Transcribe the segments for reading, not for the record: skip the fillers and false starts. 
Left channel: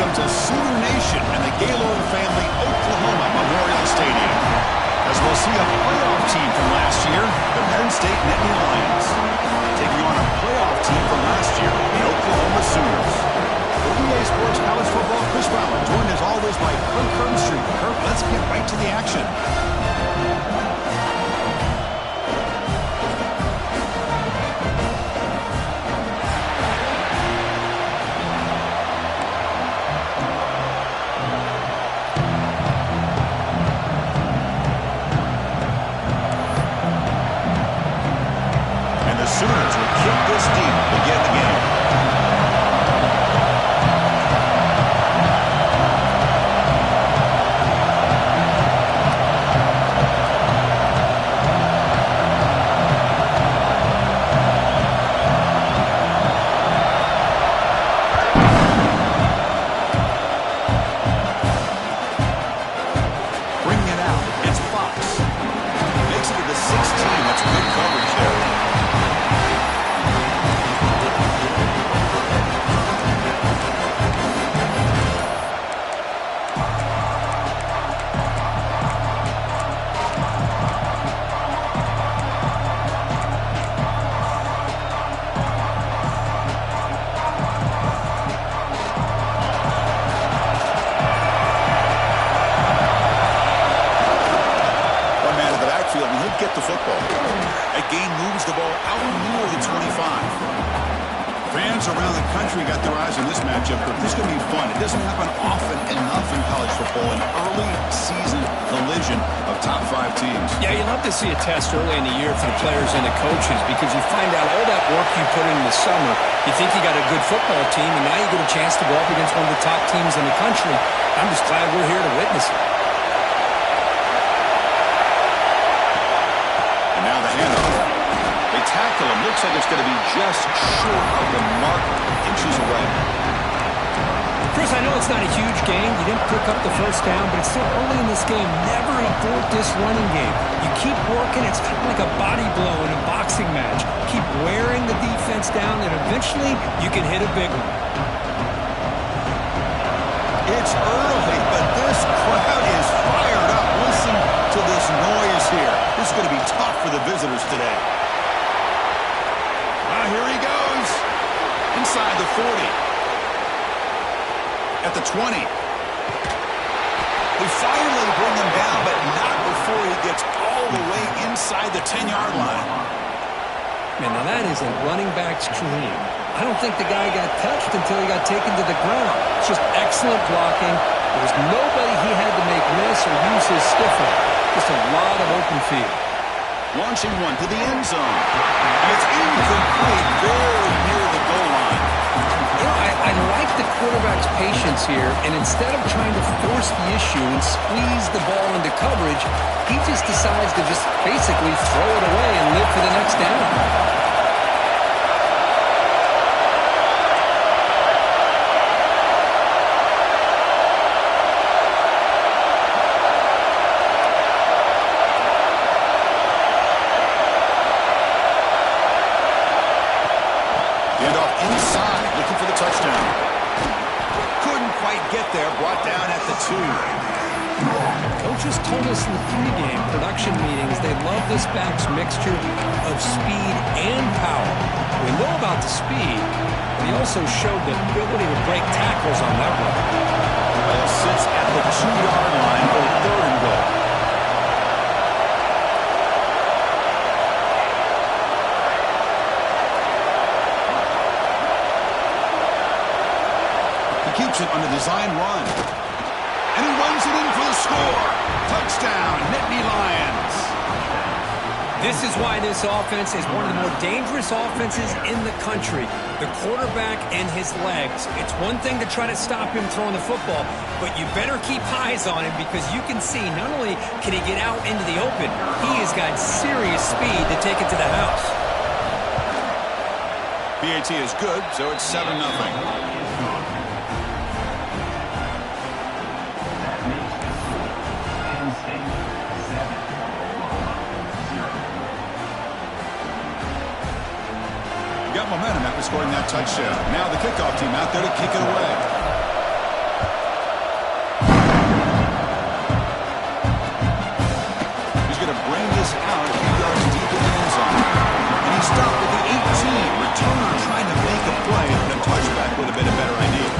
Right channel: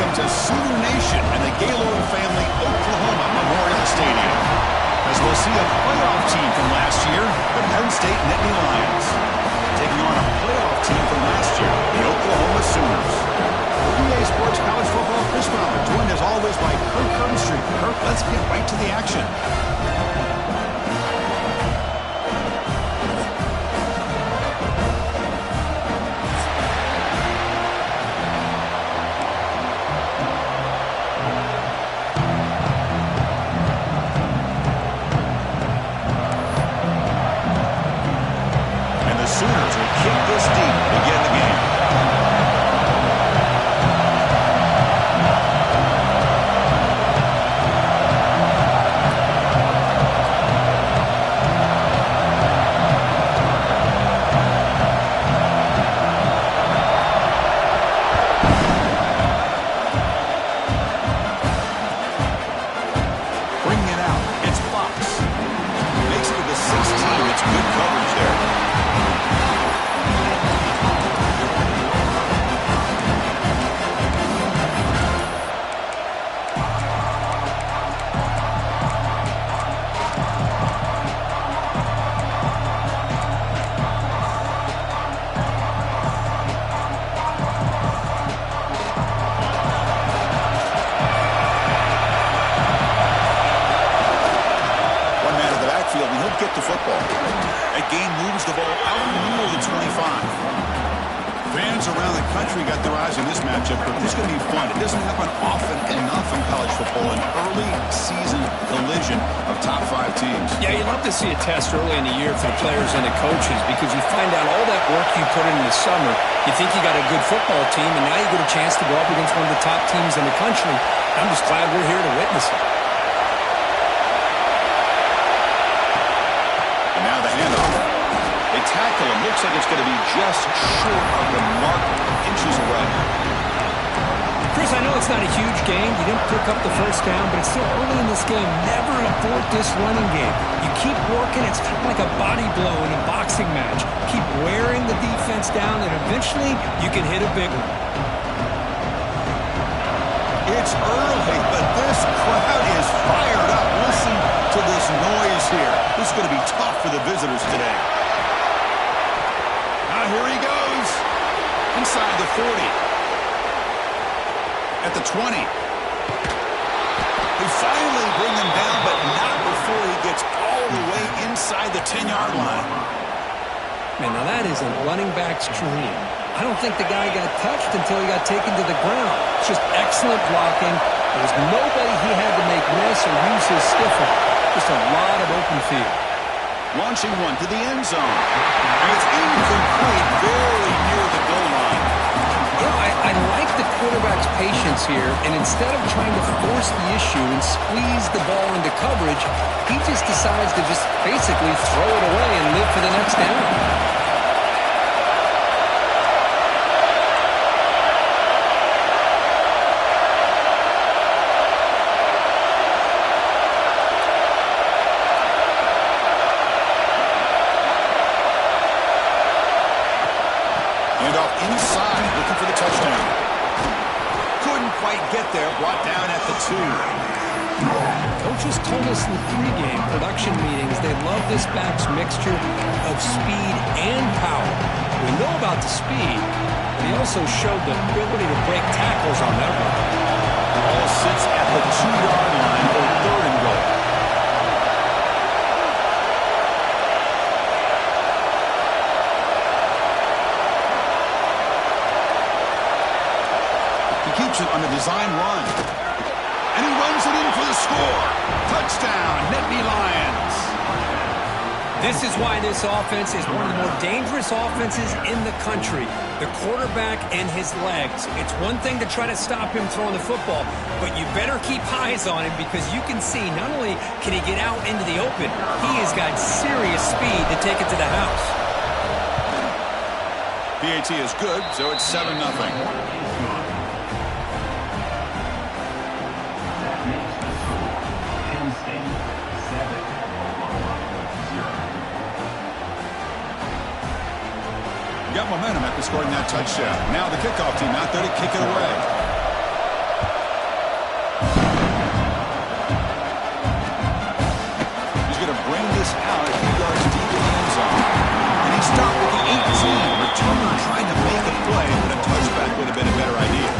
Welcome to Sooner Nation and the Gaylord Family Oklahoma Memorial Stadium, as we'll see a playoff team from last year, the Penn State Nittany Lions, taking on a playoff team from last year, the Oklahoma Sooners. For EA Sports College Football, Chris Fowler, joined as always by Kirk Herbstreit. Kirk, let's get right to the action. Sooners will kick this deep to begin the game. Bringing it out, it's Fox. Makes it to the 16. That's good coverage there. And he'll get the football. That gain moves the ball out near the 25. Fans around the country got their eyes on this matchup, but this is going to be fun. It doesn't happen often enough in college football, an early season collision of top 5 teams. Yeah, you love to see a test early in the year for the players and the coaches because you find out all that work you put in the summer. You think you got a good football team, and now you get a chance to go up against one of the top teams in the country. I'm just glad we're here to witness it. Now the handoff. They tackle him. Looks like it's going to be just short of the mark, inches away. Chris, I know it's not a huge game. You didn't pick up the first down, but it's still early in this game. Never abort this running game. You keep working. It's kind of like a body blow in a boxing match. Keep wearing the defense down, and eventually you can hit a big one. It's early, but this crowd is fired up. Listen to this noise here. This is going to be tough for the visitors today. Here he goes. Inside the 40. At the 20. They finally bring him down, but not before he gets all the way inside the 10-yard line. Man, now that is a running back's dream. I don't think the guy got touched until he got taken to the ground. It's just excellent blocking. There was nobody he had to make miss or use his stiff arm. Just a lot of open field. Launching one to the end zone. And it's incomplete, very near the goal line. You know, I like the quarterback's patience here, and instead of trying to force the issue and squeeze the ball into coverage, he just decides to just basically throw it away and live for the next down. Inside, looking for the touchdown. Couldn't quite get there, brought down at the 2. Coaches told us in the pregame production meetings they love this back's mixture of speed and power. We know about the speed, but he also showed the ability to break tackles on that run. Ball sits at the 2-yard line for 3rd and goal. Keeps it on the design run. And he runs it in for the score. Touchdown, Nittany Lions. This is why this offense is one of the more dangerous offenses in the country. The quarterback and his legs. It's one thing to try to stop him throwing the football, but you better keep eyes on him because you can see not only can he get out into the open, he has got serious speed to take it to the house. PAT is good, so it's 7-0. Got momentum after scoring that touchdown. Now the kickoff team out there to kick it away. pass out a few yards deep in the end zone. And he stopped with the 18. Returner trying to make a play, but a touchback would have been a better idea.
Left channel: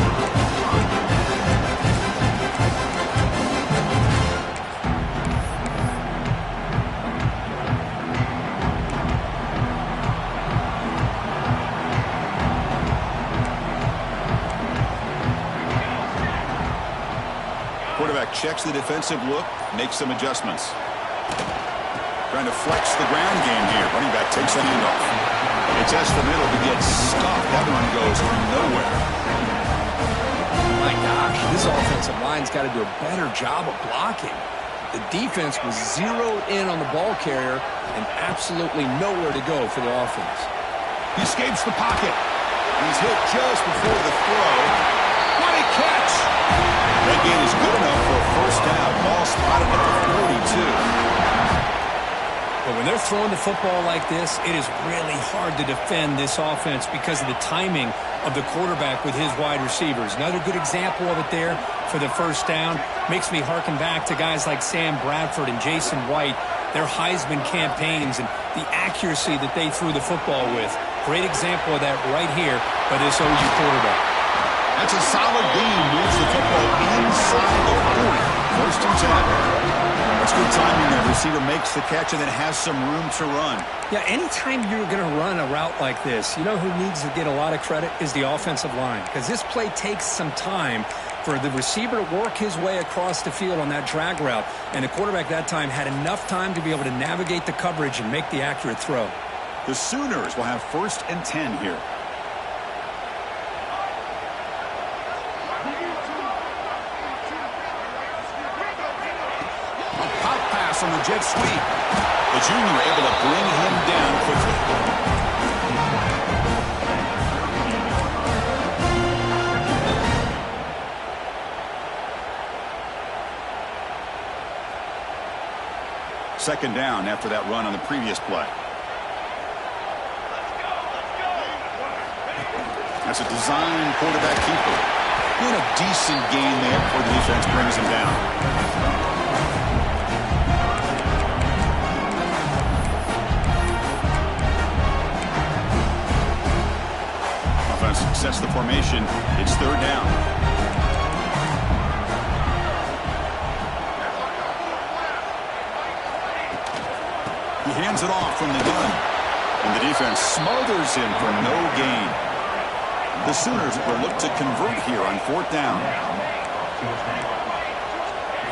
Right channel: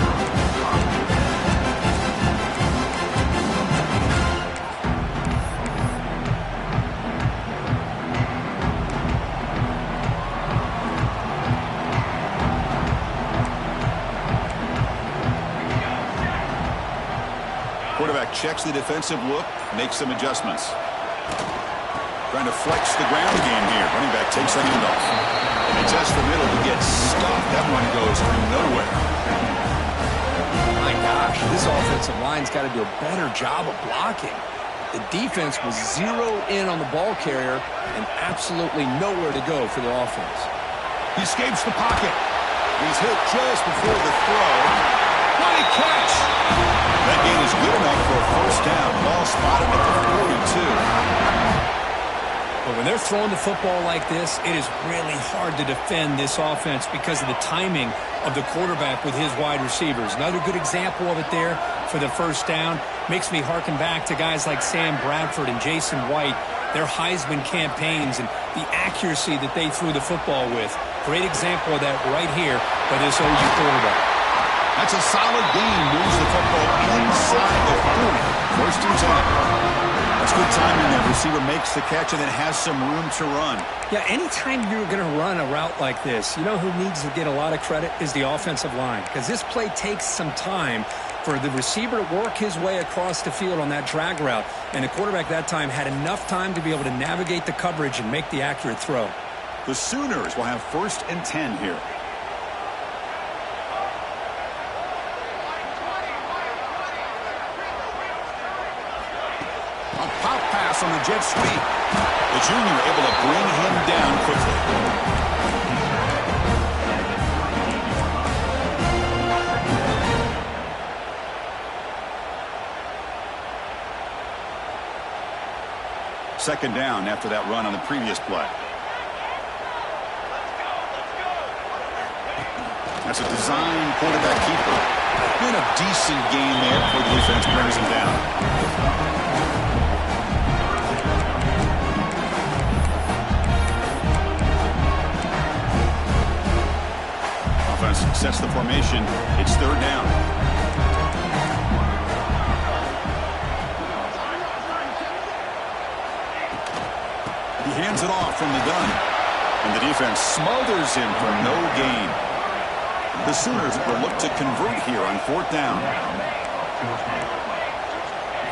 Quarterback checks the defensive look, makes some adjustments. Trying to flex the ground game here. Running back takes the handoff. They test the middle to get stuffed. That one goes nowhere. My gosh, this offensive line's got to do a better job of blocking. The defense was zeroed in on the ball carrier and absolutely nowhere to go for the offense. He escapes the pocket. He's hit just before the throw. What a catch! That gain is good enough for a first down. Ball spotted at the 42. But when they're throwing the football like this, it is really hard to defend this offense because of the timing of the quarterback with his wide receivers. Another good example of it there for the first down. Makes me harken back to guys like Sam Bradford and Jason White, their Heisman campaigns and the accuracy that they threw the football with. Great example of that right here by this OU quarterback. That's a solid gain. Moves the football inside the 40. First and 10. That's good timing there. Receiver makes the catch and then has some room to run. Yeah, anytime you're going to run a route like this, you know who needs to get a lot of credit is the offensive line, because this play takes some time for the receiver to work his way across the field on that drag route, and the quarterback that time had enough time to be able to navigate the coverage and make the accurate throw. The Sooners will have first and 10 here. A pop pass on the jet sweep. The junior able to bring him down quickly. Second down after that run on the previous play. That's a design quarterback keeper. And a decent gain there before the defense brings him down. Offense sets the formation. It's third down. He hands it off from the gun. And the defense smothers him for no gain. The Sooners will look to convert here on fourth down.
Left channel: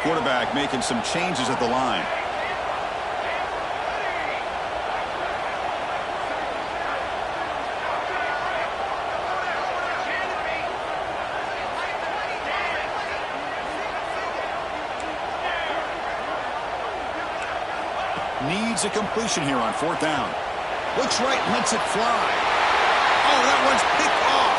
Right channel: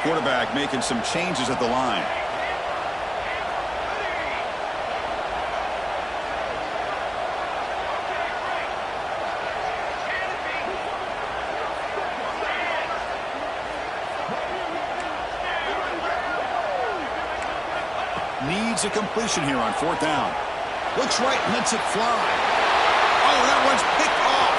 Quarterback making some changes at the line. Needs a completion here on fourth down. Looks right, lets it fly. Oh, that one's picked off.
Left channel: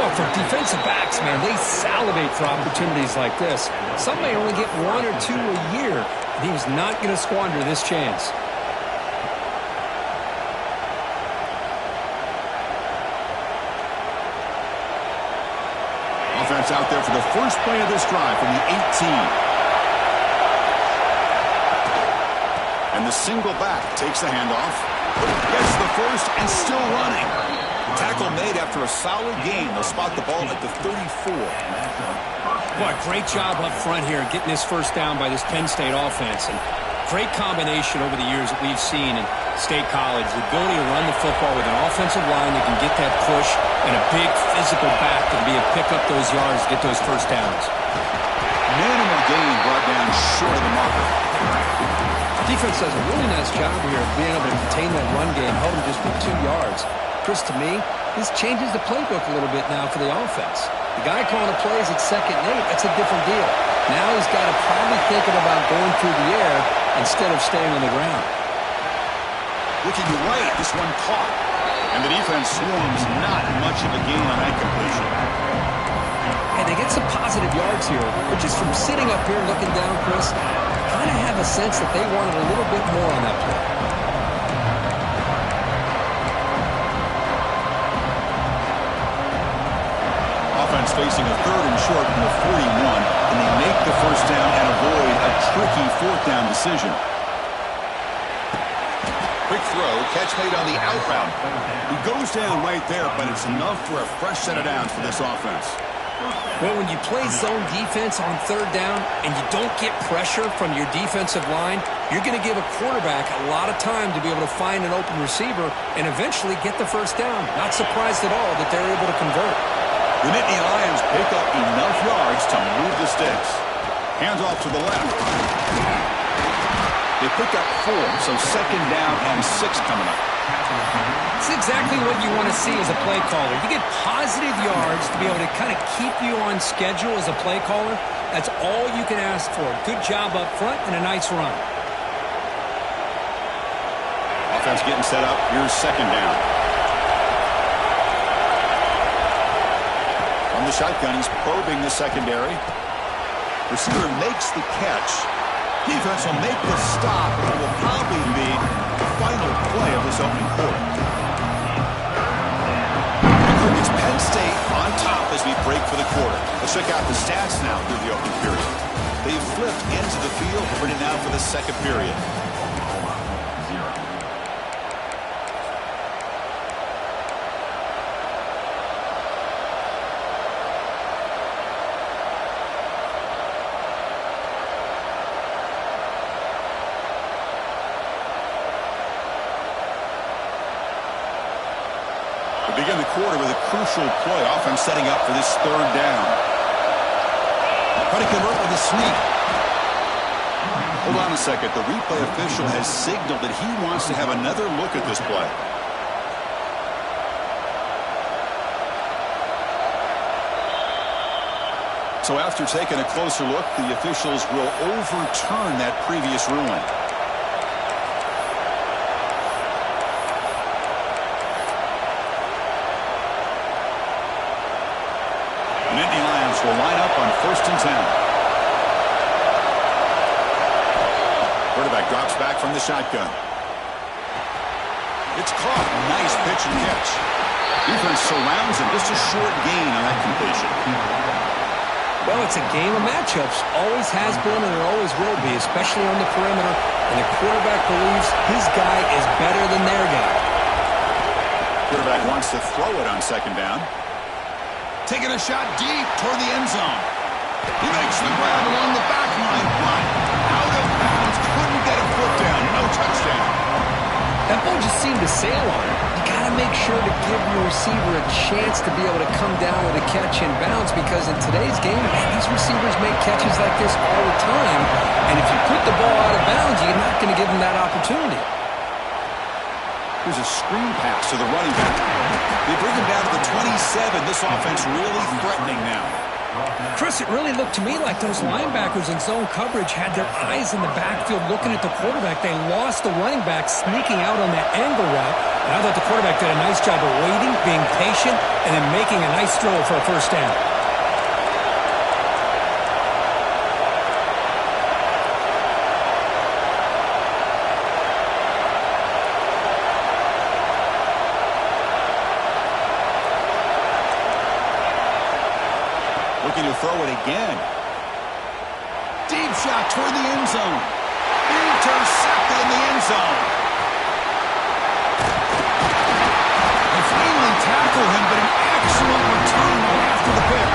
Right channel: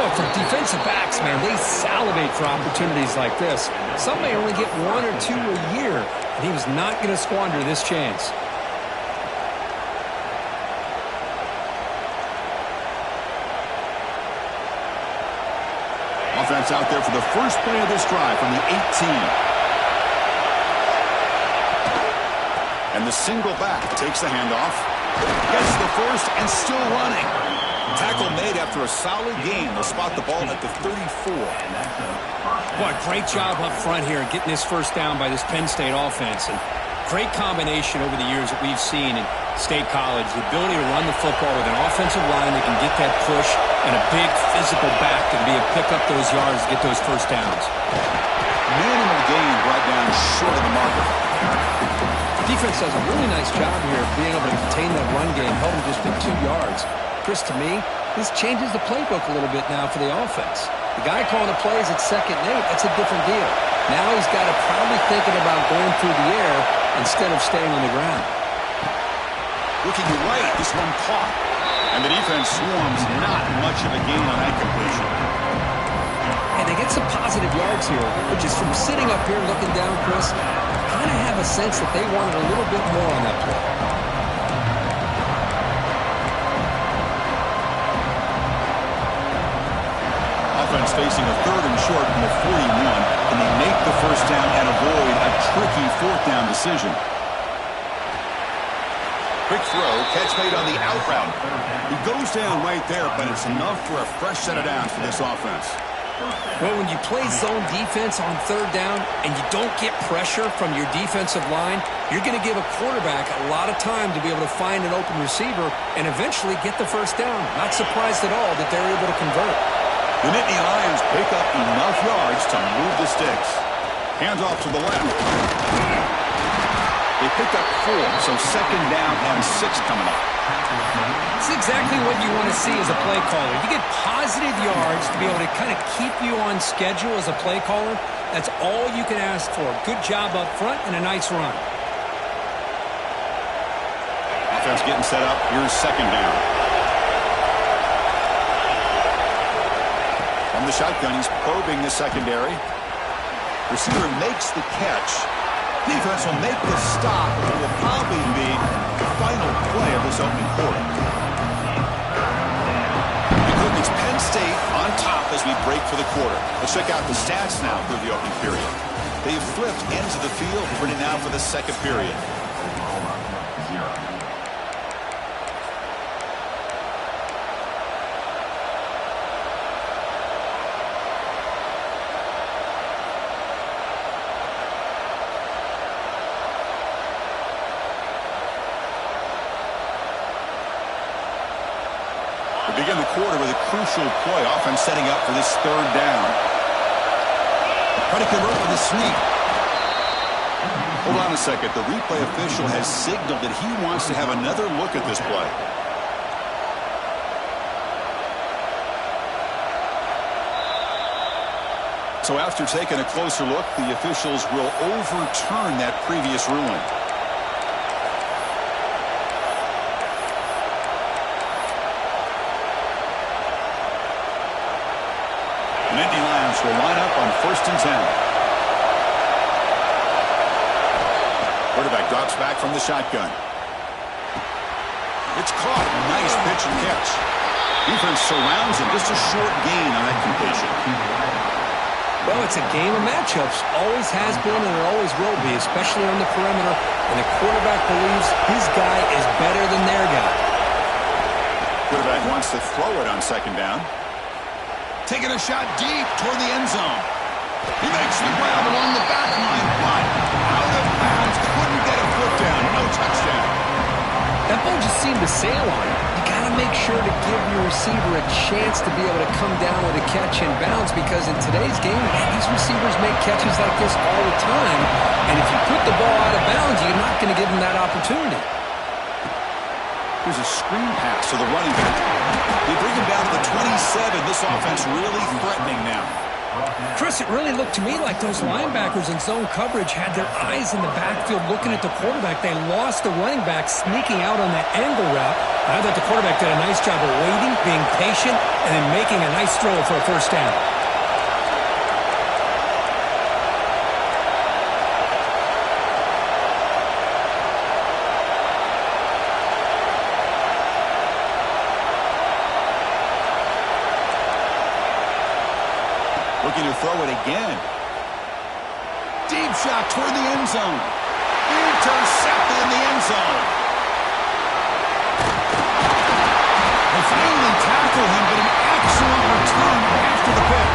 Oh, for defensive backs, man, they salivate for opportunities like this. Some may only get one or two a year, and he was not going to squander this chance. Offense out there for the first play of this drive from the 18. And the single back takes the handoff. Gets the first and still running. Tackle made after a solid gain. They'll spot the ball at the 34. Boy, great job up front here getting this first down by this Penn State offense. And great combination over the years that we've seen in State College. The ability to run the football with an offensive line that can get that push and a big physical back to be able to pick up those yards, get those first downs. Minimal gain brought down short of the marker. Defense does a really nice job here of being able to contain that run game, held him just to 2 yards. Chris, to me, this changes the playbook a little bit now for the offense. The guy calling the plays at 2nd and 8, that's a different deal. Now he's got to probably thinking about going through the air instead of staying on the ground. Looking right, this one caught. And the defense swarms not much of a gain on that completion. And they get some positive yards here, but just from sitting up here looking down, Chris, kind of have a sense that they wanted a little bit more on that play. offense facing a 3rd and short from the 41. Can they make the first down and avoid a tricky 4th down decision? Quick throw, catch made on the out route. He goes down right there, but it's enough for a fresh set of downs for this offense. Well, when you play zone defense on 3rd down and you don't get pressure from your defensive line, you're going to give a quarterback a lot of time to be able to find an open receiver and eventually get the first down. Not surprised at all that they're able to convert. The Nittany Lions pick up enough yards to move the sticks. Hands off to the left. They pick up 4, so 2nd down and 6 coming up. It's exactly what you want to see as a play caller. You get positive yards to be able to kind of keep you on schedule as a play caller. That's all you can ask for. Good job up front and a nice run. Offense getting set up. Here's 2nd down. From the shotgun, he's probing the secondary. Receiver makes the catch. Defense will make the stop, and it will probably be the final play of this opening quarter. And Cook, it's Penn State on top as we break for the quarter. Let's check out the stats now through the opening period. They've flipped into the field, ready now for the 2nd period. Begin the quarter with a crucial play. Offense setting up for this 3rd down. Try to convert with a sneak. Hold on a second. The replay official has signaled that he wants to have another look at this play. So after taking a closer look, the officials will overturn that previous ruling. The Nittany Lions will line up on 1st and 10. Quarterback drops back from the shotgun. It's caught. A nice pitch and catch. Defense surrounds him. Just a short gain on that completion. Well, it's a game of matchups. Always has been and it always will be, especially on the perimeter. And the quarterback believes his guy is better than their guy. Quarterback wants to throw it on 2nd down. Taking a shot deep toward the end zone. He makes the grab along the back line, but out of bounds. Couldn't get a foot down. No touchdown. That ball just seemed to sail on him. You got to make sure to give your receiver a chance to be able to come down with a catch in bounds, because in today's game, these receivers make catches like this all the time. And if you put the ball out of bounds, you're not going to give them that opportunity. Here's a screen pass to the running back. They bring him down to the 27. This offense really threatening now. Chris, it really looked to me like those linebackers in zone coverage had their eyes in the backfield looking at the quarterback. They lost the running back sneaking out on that angle route. And I thought the quarterback did a nice job of waiting, being patient, and then making a nice throw for a first down. Looking to throw it again. Deep shot toward the end zone. Intercepted in the end zone. They finally tackle him, but an excellent return after the pick.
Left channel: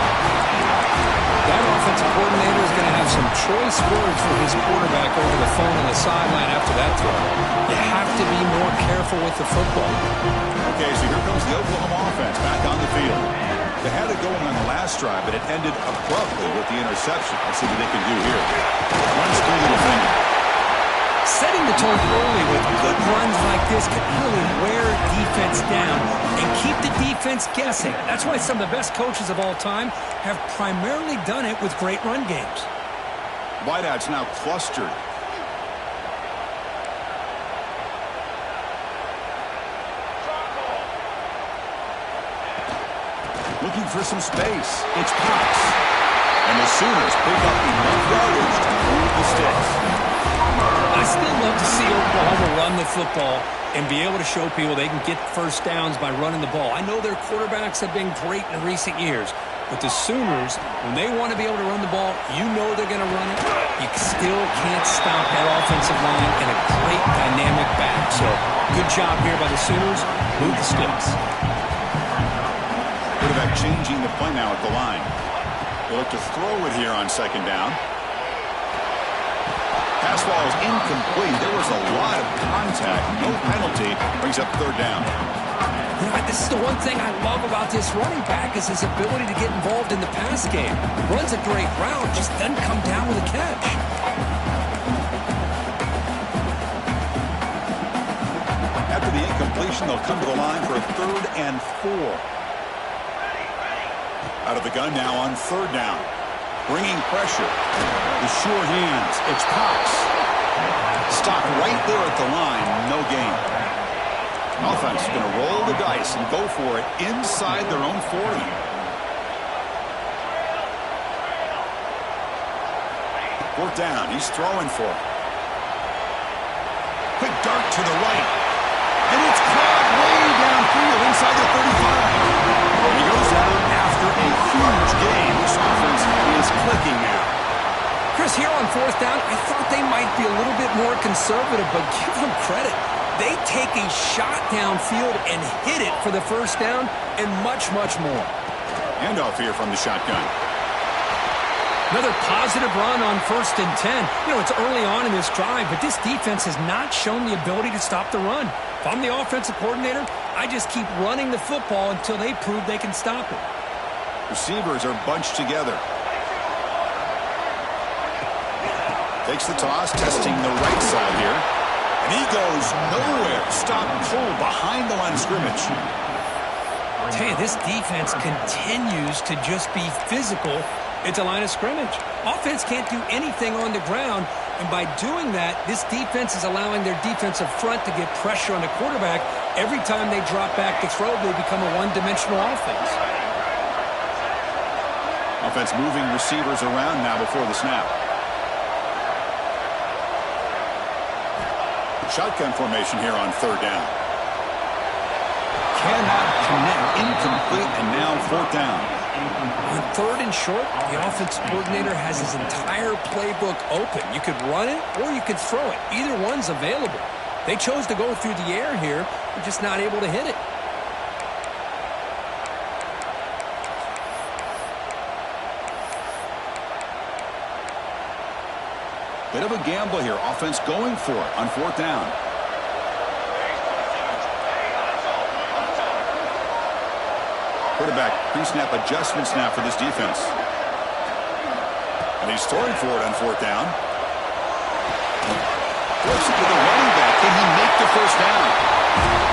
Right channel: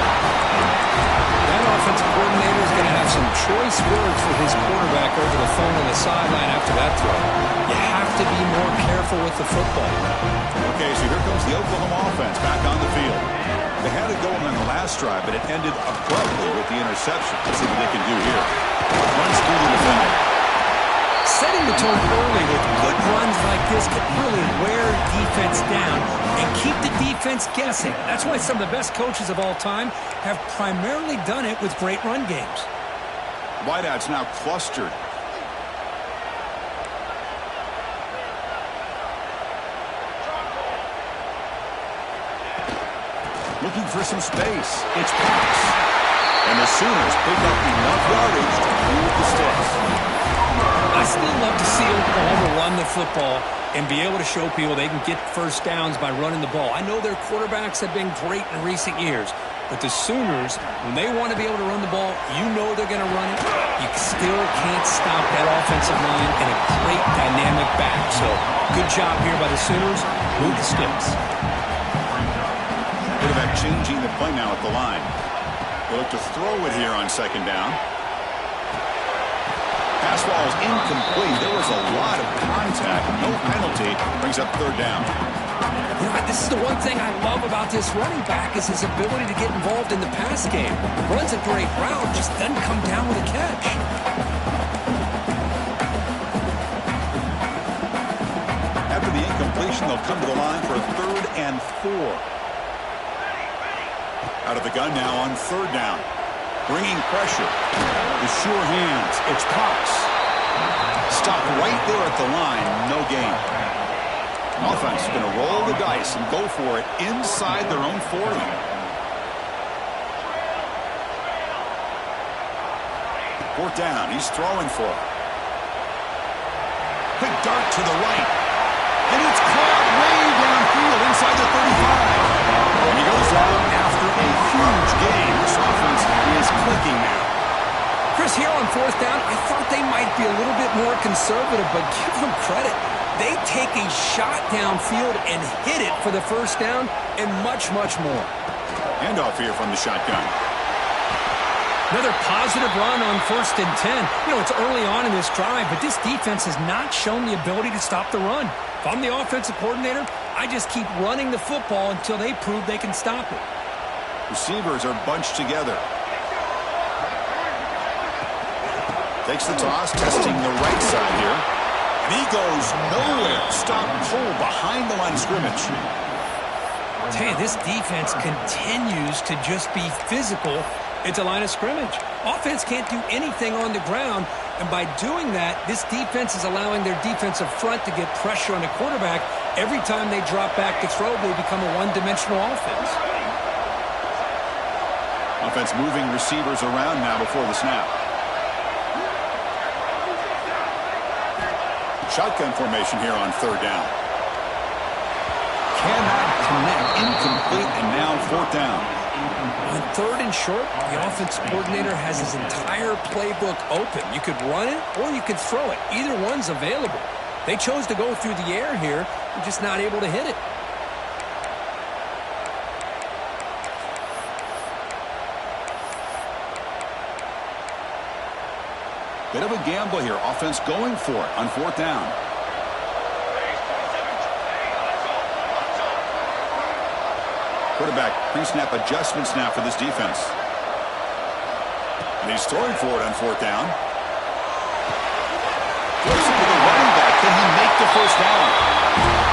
That offensive coordinator is going to have some choice words for his quarterback over the phone on the sideline after that throw. You have to be more careful with the football. Okay, so here comes the Oklahoma offense back on the field. They had it going on the last drive, but it ended abruptly with the interception. Let's see what they can do here. Runs through the defender. Setting the tone early with good runs like this could really wear defense down and keep the defense guessing. That's why some of the best coaches of all time have primarily done it with great run games. Wideouts now clustered. Looking for some space. It's Cox. And the Sooners pick up enough yardage to move the sticks. I still love to see Oklahoma run the football and be able to show people they can get first downs by running the ball. I know their quarterbacks have been great in recent years, But the Sooners, when they want to be able to run the ball, you know they're going to run it. You still can't stop that offensive line and a great dynamic back. So good job here by the Sooners. Move the sticks. Quarterback changing the play now at the line. They look to throw it here on second down. Pass ball is incomplete. There was a lot of contact. No penalty. Brings up third down. This is the one thing I love about this running back is his ability to get involved in the pass game. Runs a great route, just doesn't come down with a catch. After the incompletion, they'll come to the line for a 3rd and 4. Out of the gun now on 3rd down. Bringing pressure. With sure hands, it's Cox. Stopped right there at the line, no gain. Offense is going to roll the dice and go for it inside their own 40. Fourth down, he's throwing for it. Quick dart to the right. And it's caught way downfield inside the 35. And he goes down after a huge gain. This offense is clicking now. Chris, here on 4th down, I thought they might be a little bit more conservative, but give them credit. They take a shot downfield and hit it for the 1st down and much, much more. Handoff here from the shotgun. Another positive run on 1st and 10. You know, it's early on in this drive, but this defense has not shown the ability to stop the run. If I'm the offensive coordinator, I just keep running the football until they prove they can stop it. Receivers are bunched together. Takes the toss, testing the right side here. And he goes nowhere. Stop pull behind the line of scrimmage. I tell you, this defense continues to just be physical at the line of scrimmage. Offense can't do anything on the ground, and by doing that, this defense is allowing their defensive front to get pressure on the quarterback. Every time they drop back to throw, they become a one-dimensional offense. Offense moving receivers around now before the snap. Shotgun formation here on 3rd down. Cannot connect, incomplete, and now 4th down. On 3rd and short, the offense coordinator has his entire playbook open. You could run it or you could throw it. Either one's available. They chose to go through the air here. They're just not able to hit it. Bit of a gamble here. Offense going for it on 4th down. Quarterback pre-snap adjustments now for this defense. And he's throwing for it on 4th down. Flips it to the running back. Can he make the 1st down?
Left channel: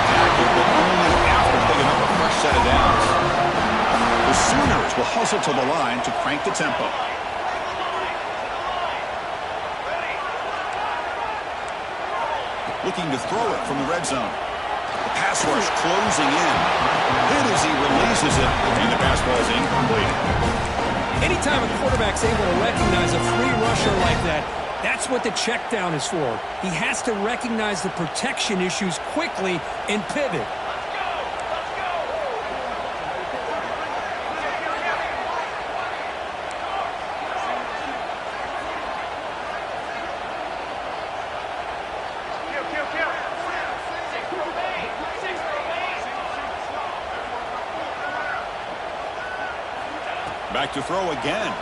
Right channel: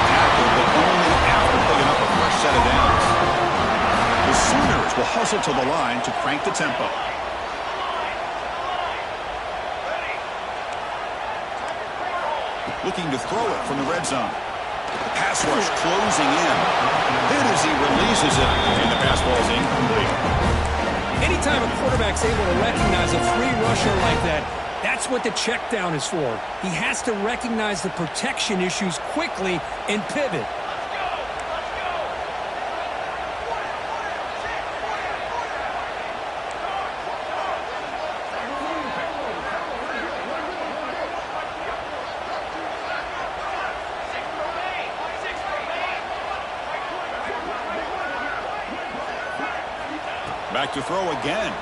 Tackled, but only after picking up a fresh set of downs. The Sooners will hustle to the line to crank the tempo. Looking to throw it from the red zone. The pass rush closing in. Hit as he releases it, and the pass ball is incomplete. Anytime a quarterback's able to recognize a free rusher like that, that's what the check down is for. He has to recognize the protection issues quickly and pivot. Back to throw again.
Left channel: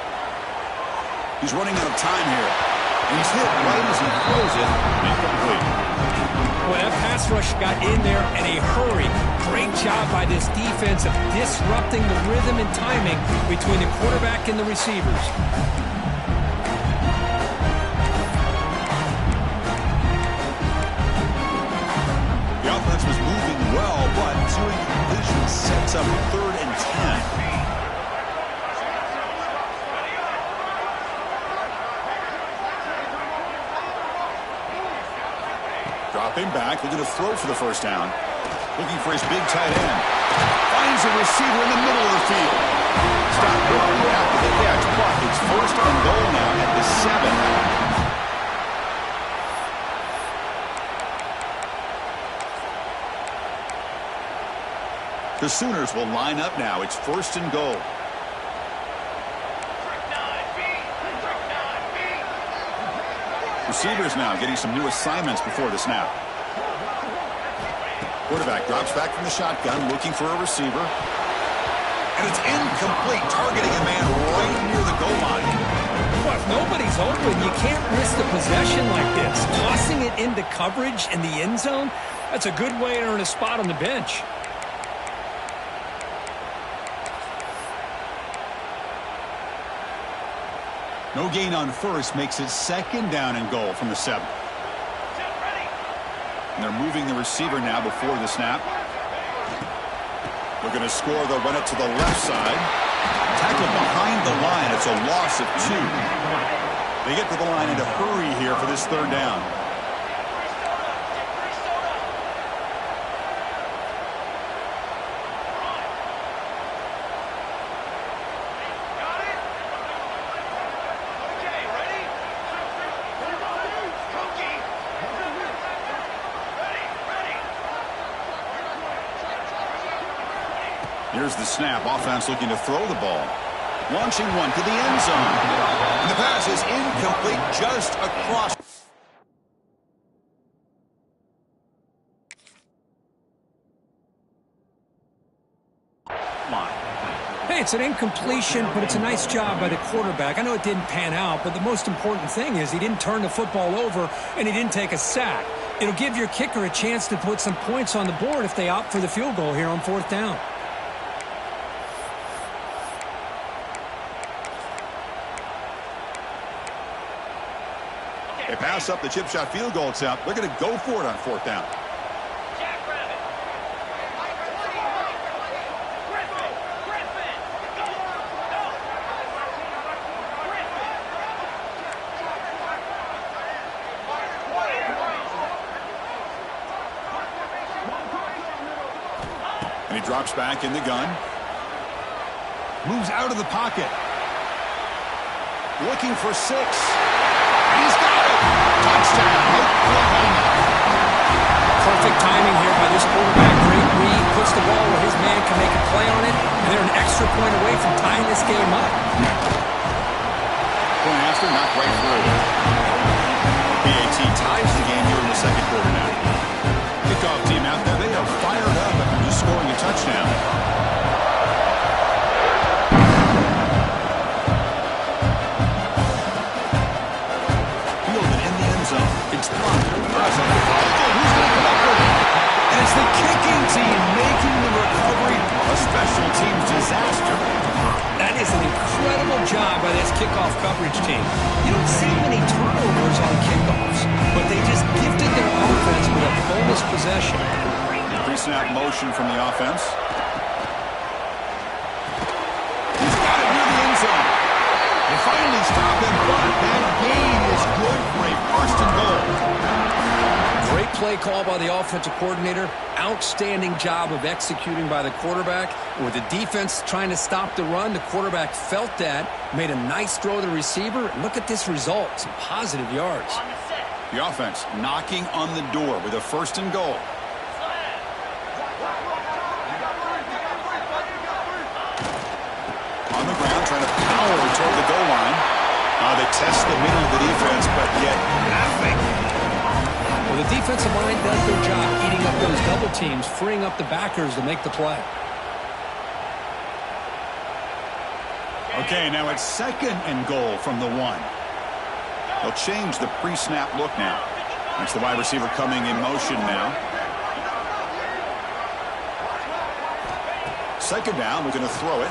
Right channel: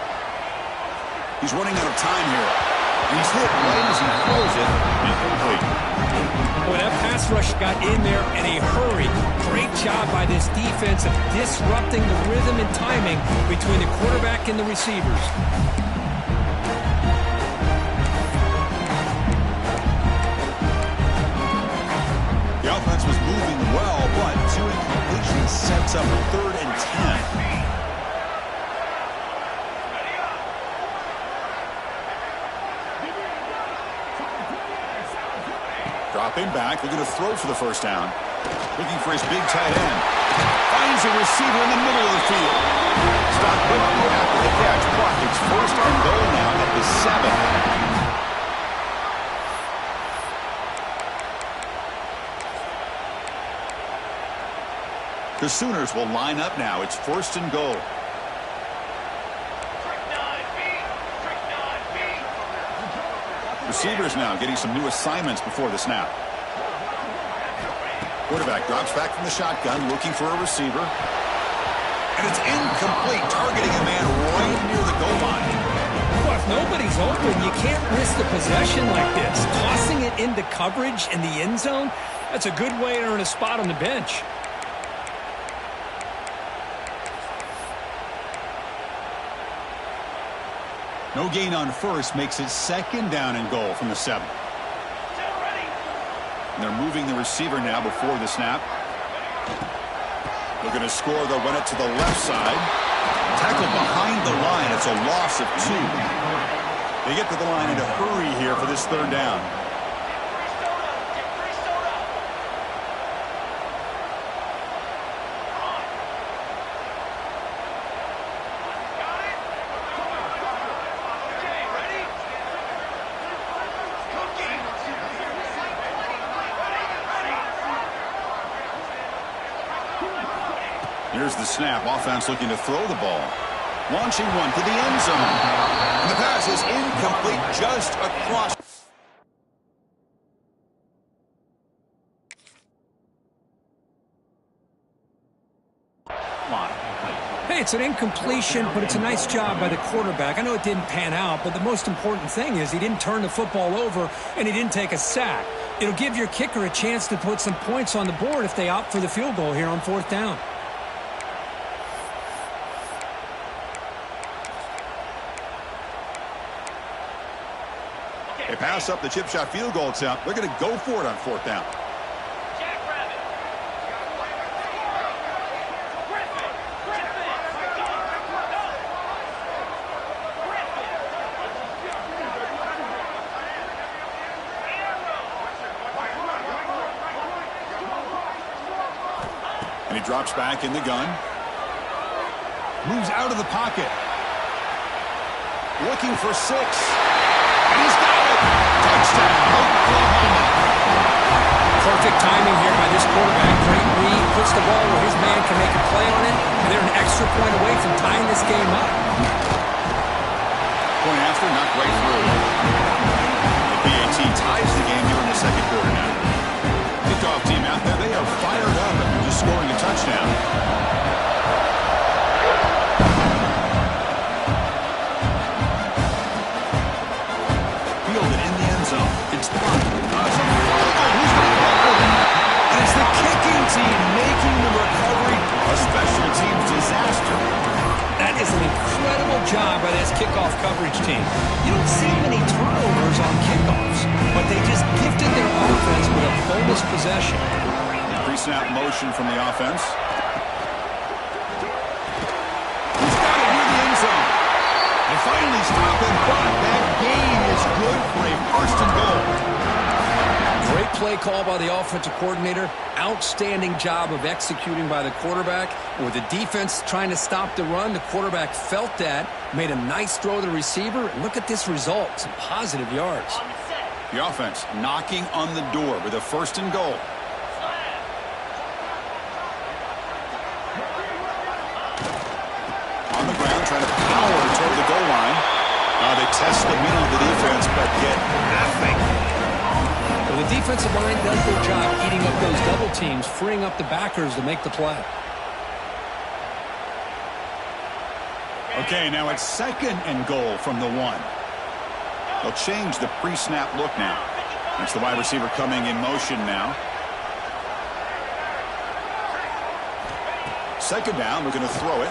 He's running out of time here. And he's hit right as he throws it. Incomplete. Boy, that pass rush got in there in a hurry. Great job by this defense of disrupting the rhythm and timing between the quarterback and the receivers. The offense was moving well, but 2 incompletions sets up 3rd and 10. Dropping back, looking to throw for the 1st down. Looking for his big tight end. Finds a receiver in the middle of the field. Stopped quickly after the catch, but it's 1st and goal now at the 7. The Sooners will line up now. It's 1st and goal. Receivers now getting some new assignments before the snap. Quarterback drops back from the shotgun, looking for a receiver. And it's incomplete, targeting a man right near the goal line. Well, if nobody's open, you can't risk the possession like this. Tossing it into coverage in the end zone, that's a good way to earn a spot on the bench. No gain on first makes it second down and goal from the 7. And they're moving the receiver now before the snap. Looking to score, they'll run it to the left side. Tackled behind the line. It's a loss of 2. They get to the line in a hurry here for this third down. Here's the snap. Offense looking to throw the ball. Launching one to the end zone. And the pass is incomplete just across. Line. Hey, it's an incompletion, but it's a nice job by the quarterback. I know it didn't pan out, but the most important thing is he didn't turn the football over and he didn't take a sack. It'll give your kicker a chance to put some points on the board if they opt for the field goal here on 4th down. They pass up the chip shot field goal attempt. They're going to go for it on 4th down. And he drops back in the gun. Moves out of the pocket. Looking for 6. And he's got it. Touchdown, Oklahoma. Perfect timing here by this quarterback. Great read. Puts the ball where his man can make a play on it. And they're an extra point away from tying this game up. Point after, knocked right through. The PAT ties the game here in the second quarter now. Kickoff team out there. They are fired up after just scoring a touchdown. Zone. It's blocked. It's a fumble. Who's going to come up with it? And it's the kicking team making the recovery a special teams disaster. That is an incredible job by this kickoff coverage team. You don't see many turnovers on kickoffs, but they just gifted their offense with a bonus possession. Pre-snap motion from the offense. He's got it near the end zone. They finally stop him, but that gain is good for a 1st and goal. Great play call by the offensive coordinator. Outstanding job of executing by the quarterback. With the defense trying to stop the run, the quarterback felt that, made a nice throw to the receiver. And look at this result, some positive yards. The offense knocking on the door with a 1st and goal. On the ground, trying to power toward the goal line. They test the middle of the defense, but get nothing. Well, the defensive line does their job eating up those double teams, freeing up the backers to make the play. Okay, now it's 2nd and goal from the 1. They'll change the pre-snap look now. That's the wide receiver coming in motion now. 2nd down, looking to throw it.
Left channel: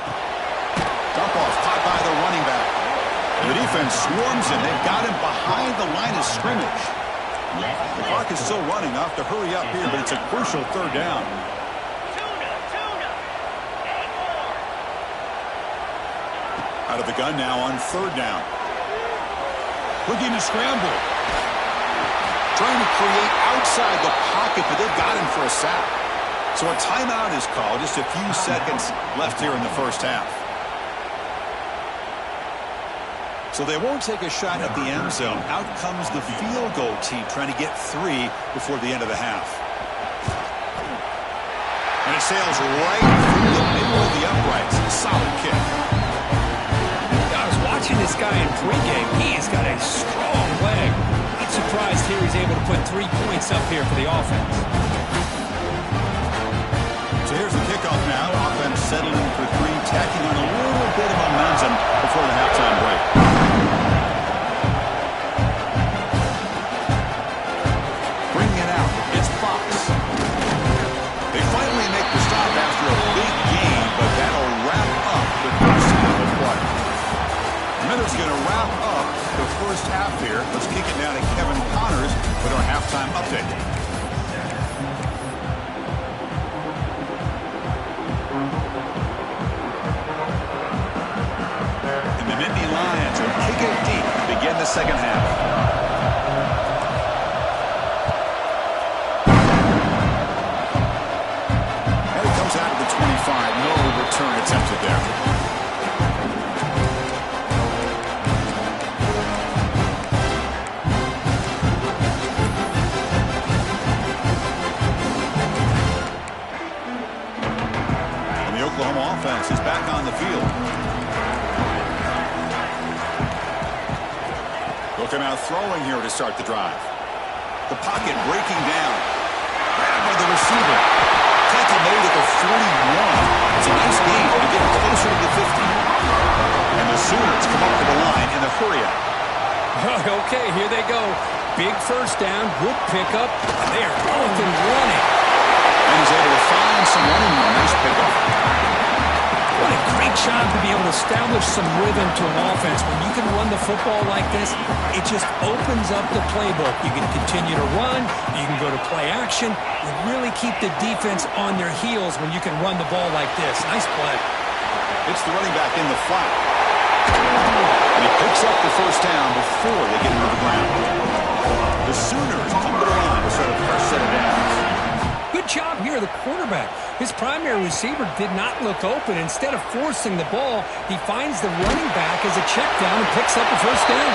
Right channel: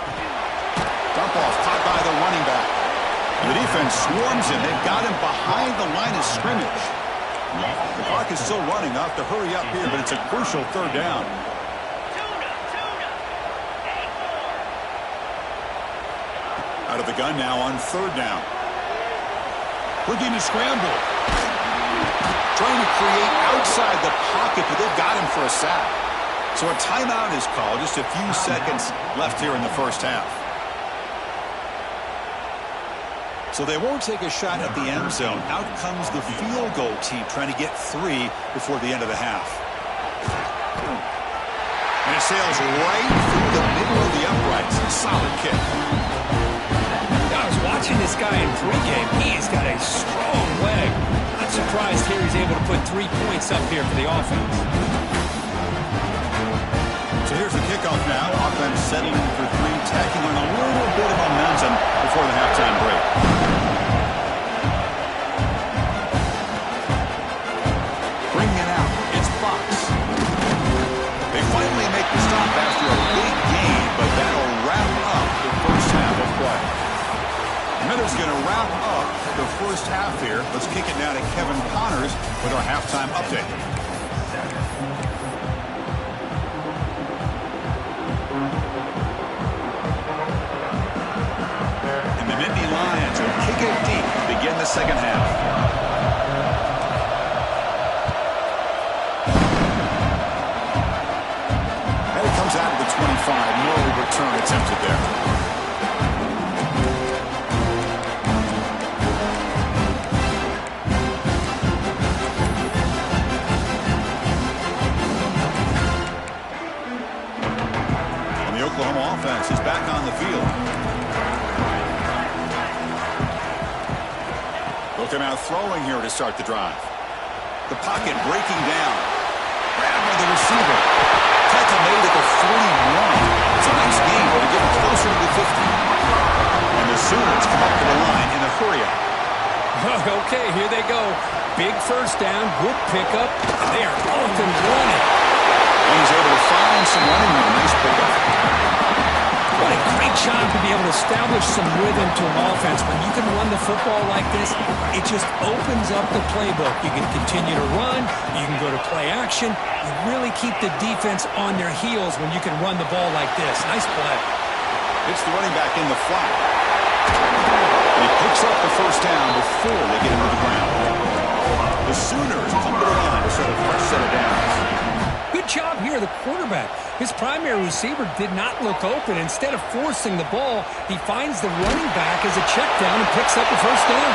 Dump off, caught by the running back. And the defense swarms him. They've got him behind the line of scrimmage. The clock is still running. They'll have to hurry up here, but it's a crucial 3rd down. Out of the gun now on 3rd down. Looking to scramble. Trying to create outside the pocket, but they've got him for a sack. So a timeout is called. Just a few seconds left here in the 1st half. So they won't take a shot at the end zone. Out comes the field goal team trying to get 3 before the end of the half. And it sails right through the middle of the uprights. Solid kick. I was watching this guy in pregame. He's got a strong leg. Not surprised here he's able to put 3 points up here for the offense. So here's the kickoff now. Offense settling for 3, tacking on a little bit of momentum before the halftime break. Bringing it out, it's Fox. They finally make the stop after a big gain, but that'll wrap up the first half of play. Miller's going to wrap up the first half here. Let's kick it now to Kevin Connors with our halftime update. And the Nittany Lions will kick it deep to begin the second half. And it comes out of the 25. No return attempted there. Oklahoma offense is back on the field. They'll come out throwing here to start the drive. The pocket breaking down. Grabbed by the receiver. Tackle made at the 41. It's a nice gain to get it closer to the 50. And the Sooners come up to the line in a hurry-up. Okay, here they go. Big first down, good pickup. They are off and running. And he's able to find some running room. Nice pickup. What a great job to be able to establish some rhythm to an offense. When you can run the football like this, it just opens up the playbook. You can continue to run. You can go to play action. You really keep the defense on their heels when you can run the ball like this. Nice play. It's the running back in the flat. And he picks up the first down before they get into the ground. The Sooners come to the line to set a fresh set of downs. Good job here, the quarterback. His primary receiver did not look open. Instead of forcing the ball, he finds the running back as a check down and picks up a first down.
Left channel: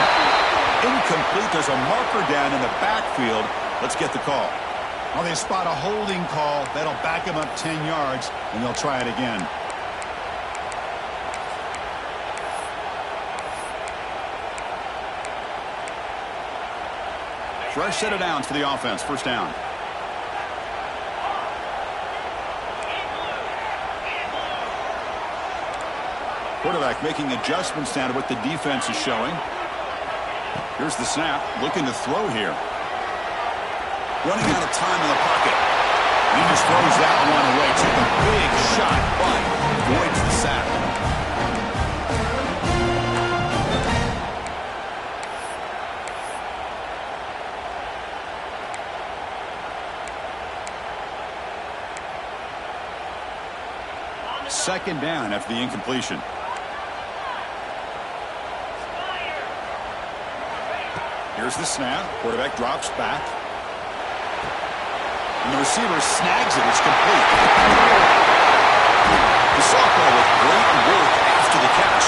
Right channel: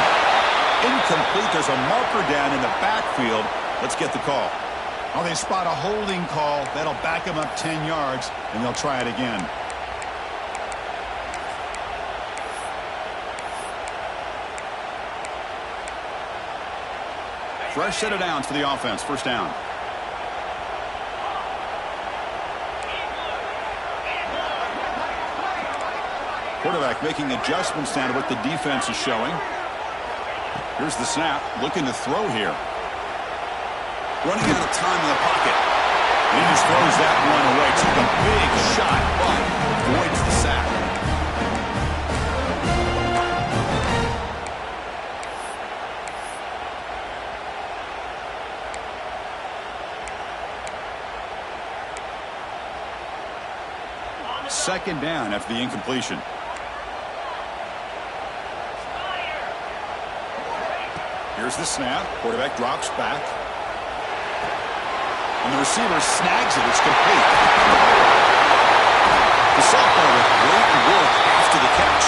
Incomplete. There's a marker down in the backfield. Let's get the call. Well, they spot a holding call. That'll back him up 10 yards, and they'll try it again. Fresh set of downs for the offense. First down. Quarterback making adjustments down to what the defense is showing. Here's the snap. Looking to throw here. Running out of time in the pocket. And he just throws that one away. Took a big shot, but avoids the sack. Second down after the incompletion. Here's the snap. Quarterback drops back. And the receiver snags it. It's complete. The sophomore with great work after the catch.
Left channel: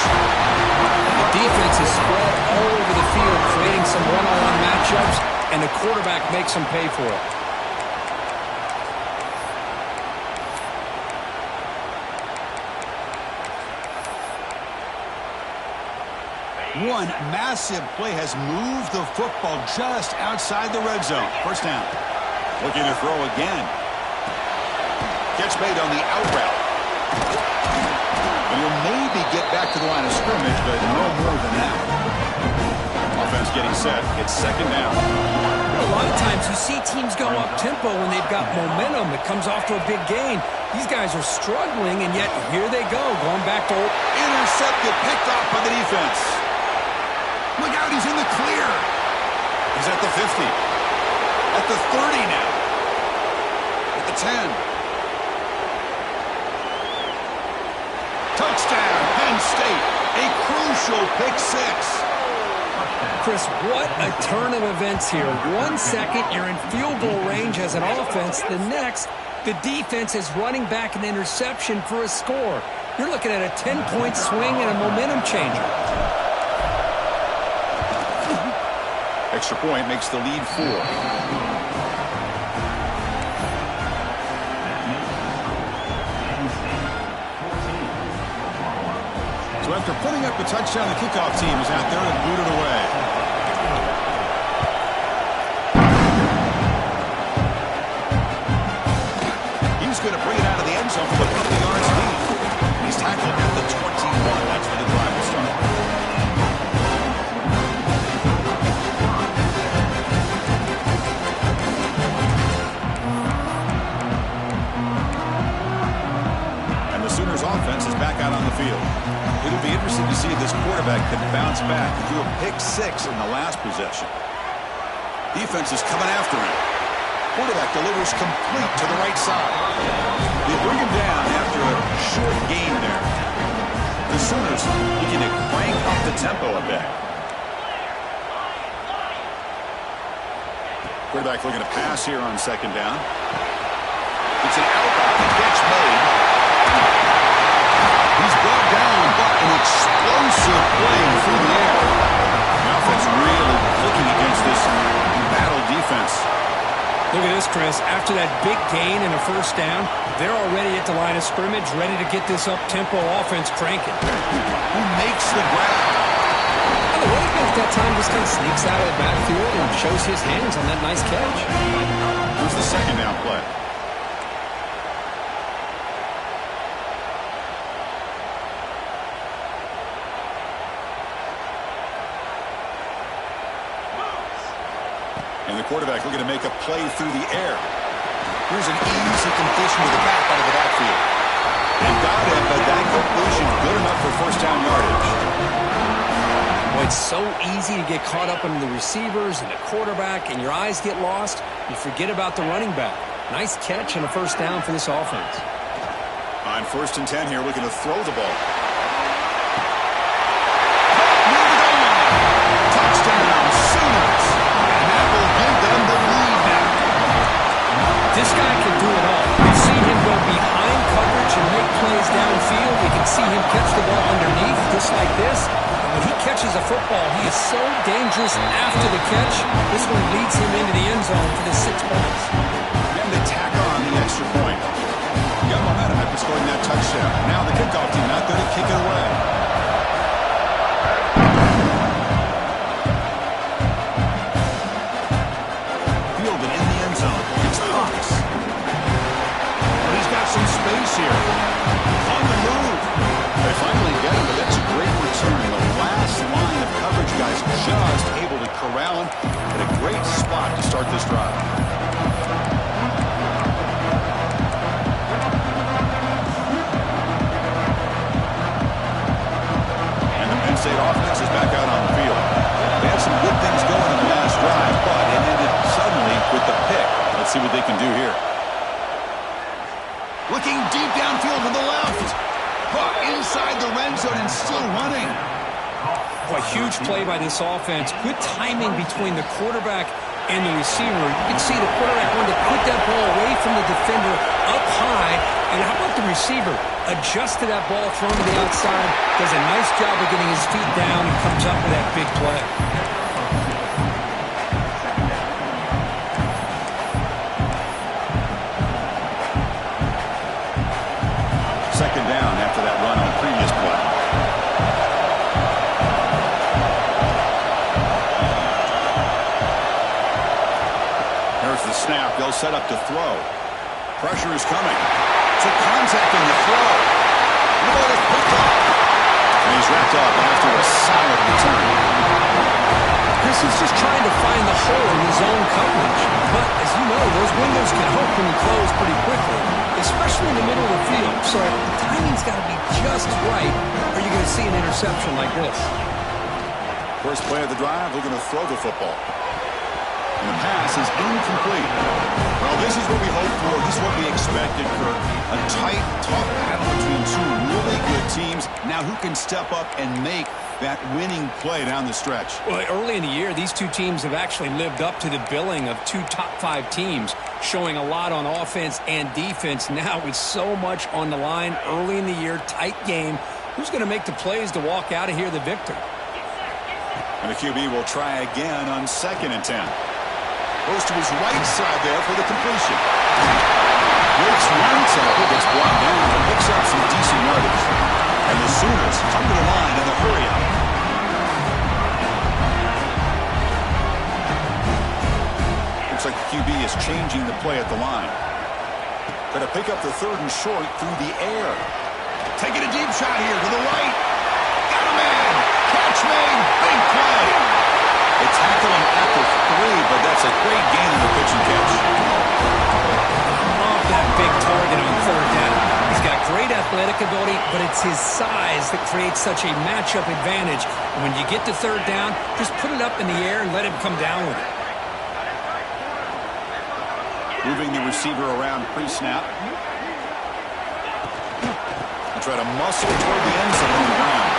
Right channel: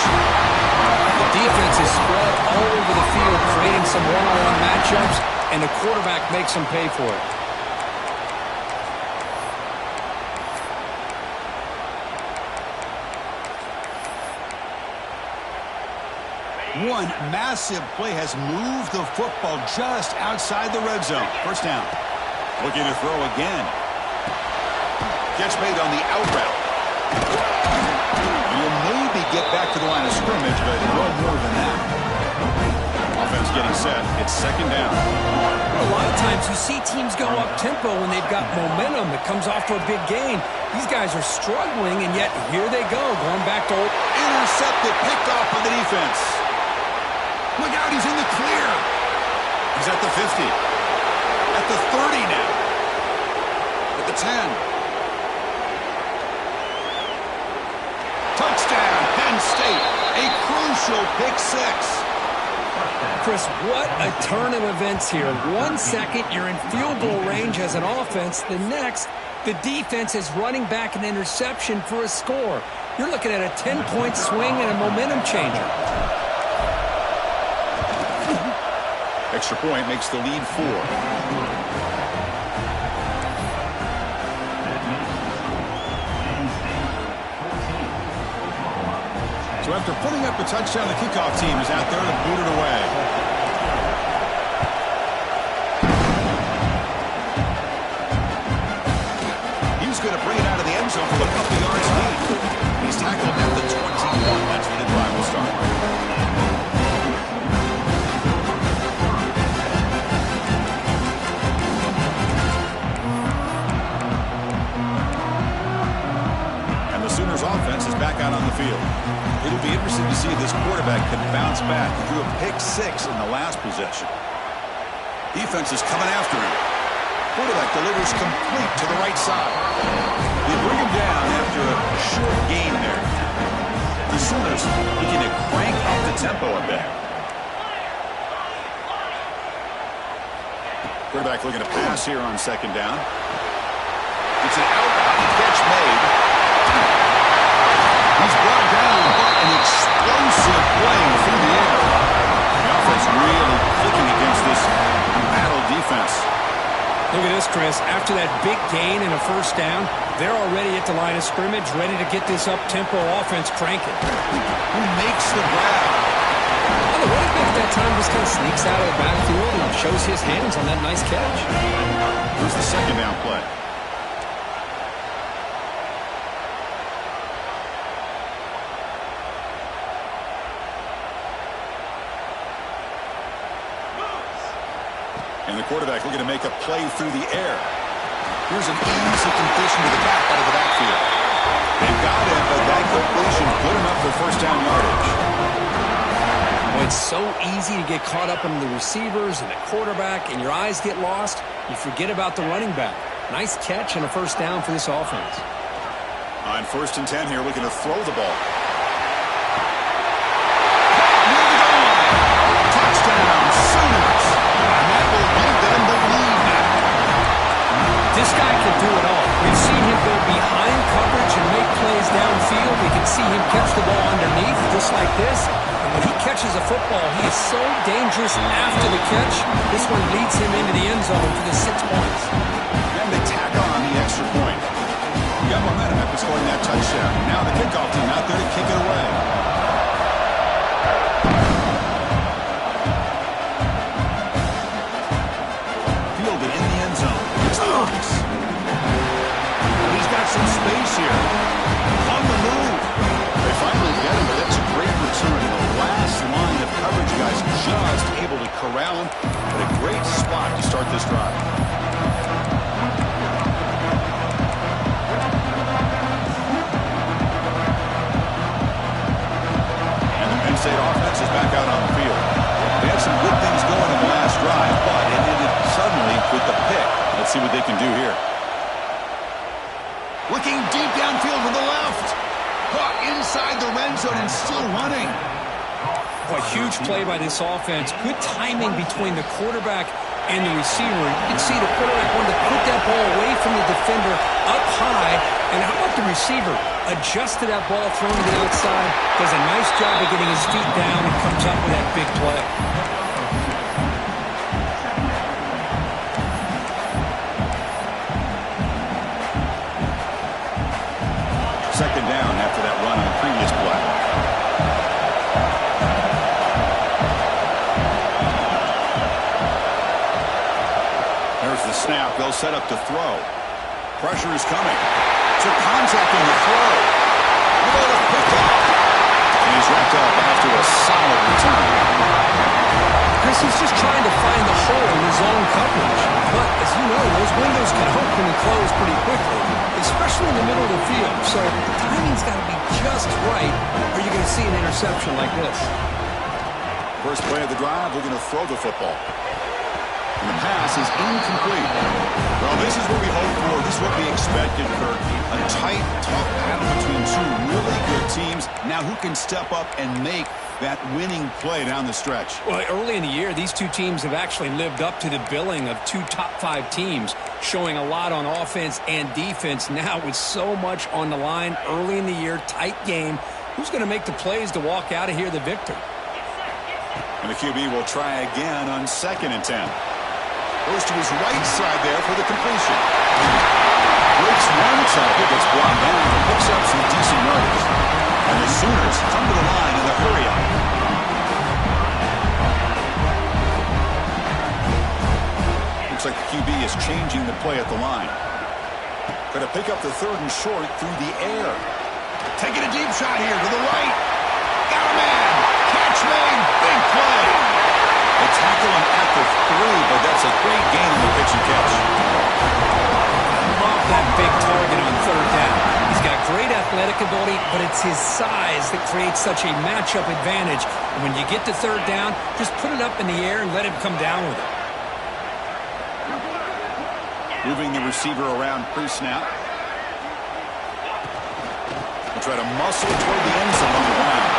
The defense is spread all over the field, creating some one-on-one matchups, and the quarterback makes them pay for it. One massive play has moved the football just outside the red zone. First down. Looking to throw again. Catch made on the out route. And you'll maybe get back to the line of scrimmage, but no more than that. Offense getting set. It's second down. A lot of times you see teams go up-tempo when they've got momentum that comes off to a big gain. These guys are struggling, and yet here they go, going back to... Intercepted, picked off by the defense. Look out, he's in the clear. He's at the 50. At the 30 now. At the 10. Touchdown, Penn State. A crucial pick six. Chris, what a turn of events here. 1 second, you're in field goal range as an offense. The next, the defense is running back an interception for a score. You're looking at a 10-point swing and a momentum changer. Extra point makes the lead 4. So after putting up a touchdown, the kickoff team is out there to boot it away. going to bring it out of the end zone for a couple yards gain. He's tackled at the 21. That's where the drive will start. And the Sooners offense is back out on the field. It'll be interesting to see if this quarterback can bounce back. He threw a pick-6 in the last possession. Defense is coming after him. Quarterback delivers complete to the right side. They bring him down after a short gain there. The Sooners looking to crank up the tempo a bit. Quarterback looking to pass here on second down. It's an out-route catch made. He's brought down, but an explosive play through the air. The offense really clicking against this battle defense. Look at this, Chris. After that big gain and a first down, they're already at the line of scrimmage, ready to get this up-tempo offense cranking. Who makes the grab? Well, the running back at that time just kind of sneaks out of the backfield and shows his hands on that nice catch. Here's the second down play. And the quarterback looking to make a play through the air. Here's an easy completion to the back out of the backfield. They've got him, but that completion good enough for first down yardage. Boy, it's so easy to get caught up in the receivers and the quarterback, and your eyes get lost. You forget about the running back. Nice catch and a first down for this offense. On 1st and 10 here, looking to throw the ball. Touchdown, Sooners. And that will give them the lead now. This guy can do it all. We've seen him go behind coverage and make plays downfield. We can see him catch the ball underneath, just like this. And when he catches a football, he is so dangerous after the catch. This one leads him into the end zone for the 6 points. And they tack on the extra point. You got momentum after scoring that touchdown. Now the kickoff team out there to kick it away. Fielded in the end zone. It's Fox. But he's got some space here. On the move. They finally get him, but that's a great return. The last line of coverage guys just able to corral him. But a great spot to start this drive. State offense is back out on the field. They had some good things going in the last drive, but it ended suddenly with the pick. Let's see what they can do here. Looking deep downfield to the left. Caught inside the red zone and still running. Boy, huge play by this offense. Good timing between the quarterback and the receiver. You can see the quarterback wanted to put that ball away from the defender up high. And how about the receiver? Adjusted that ball, thrown to the outside, does a nice job of getting his feet down, and comes up with that big play. Second down after that run on the previous play. There's the snap. They'll set up to throw. Pressure is coming. Took contact on the throw. The ball is picked off. And he's wrapped up after a solid return. Chris is just trying to find the hole in his own coverage. But, as you know, those windows can open and close pretty quickly, especially in the middle of the field. So the timing's got to be just right, or you're going to see an interception like this. First play of the drive, looking to throw the football. And the pass is incomplete. Well, this is what we hoped for. This is what we expected, Kirk. A tight, tough battle between two really good teams. Now who can step up and make that winning play down the stretch? Well, early in the year, these two teams have actually lived up to the billing of two top-5 teams, showing a lot on offense and defense. Now with so much on the line early in the year, tight game. Who's going to make the plays to walk out of here the victor? And the QB will try again on 2nd and 10. Goes to his right side there for the completion. Breaks one tackle, gets brought down, and picks up some decent yardage. And the Sooners come to the line in the hurry-up. Looks like the QB is changing the play at the line. Going to pick up the 3rd and short through the air. Taking a deep shot here to the right. Got a man. Catch made. Big play. They tackle him at the 3, but that's a great gain in the pitch and catch. Love that big target on 3rd down. He's got great athletic ability, but it's his size that creates such a matchup advantage. And when you get to 3rd down, just put it up in the air and let him come down with it. Moving the receiver around pre-snap. He'll try to muscle toward the end zone on the ground.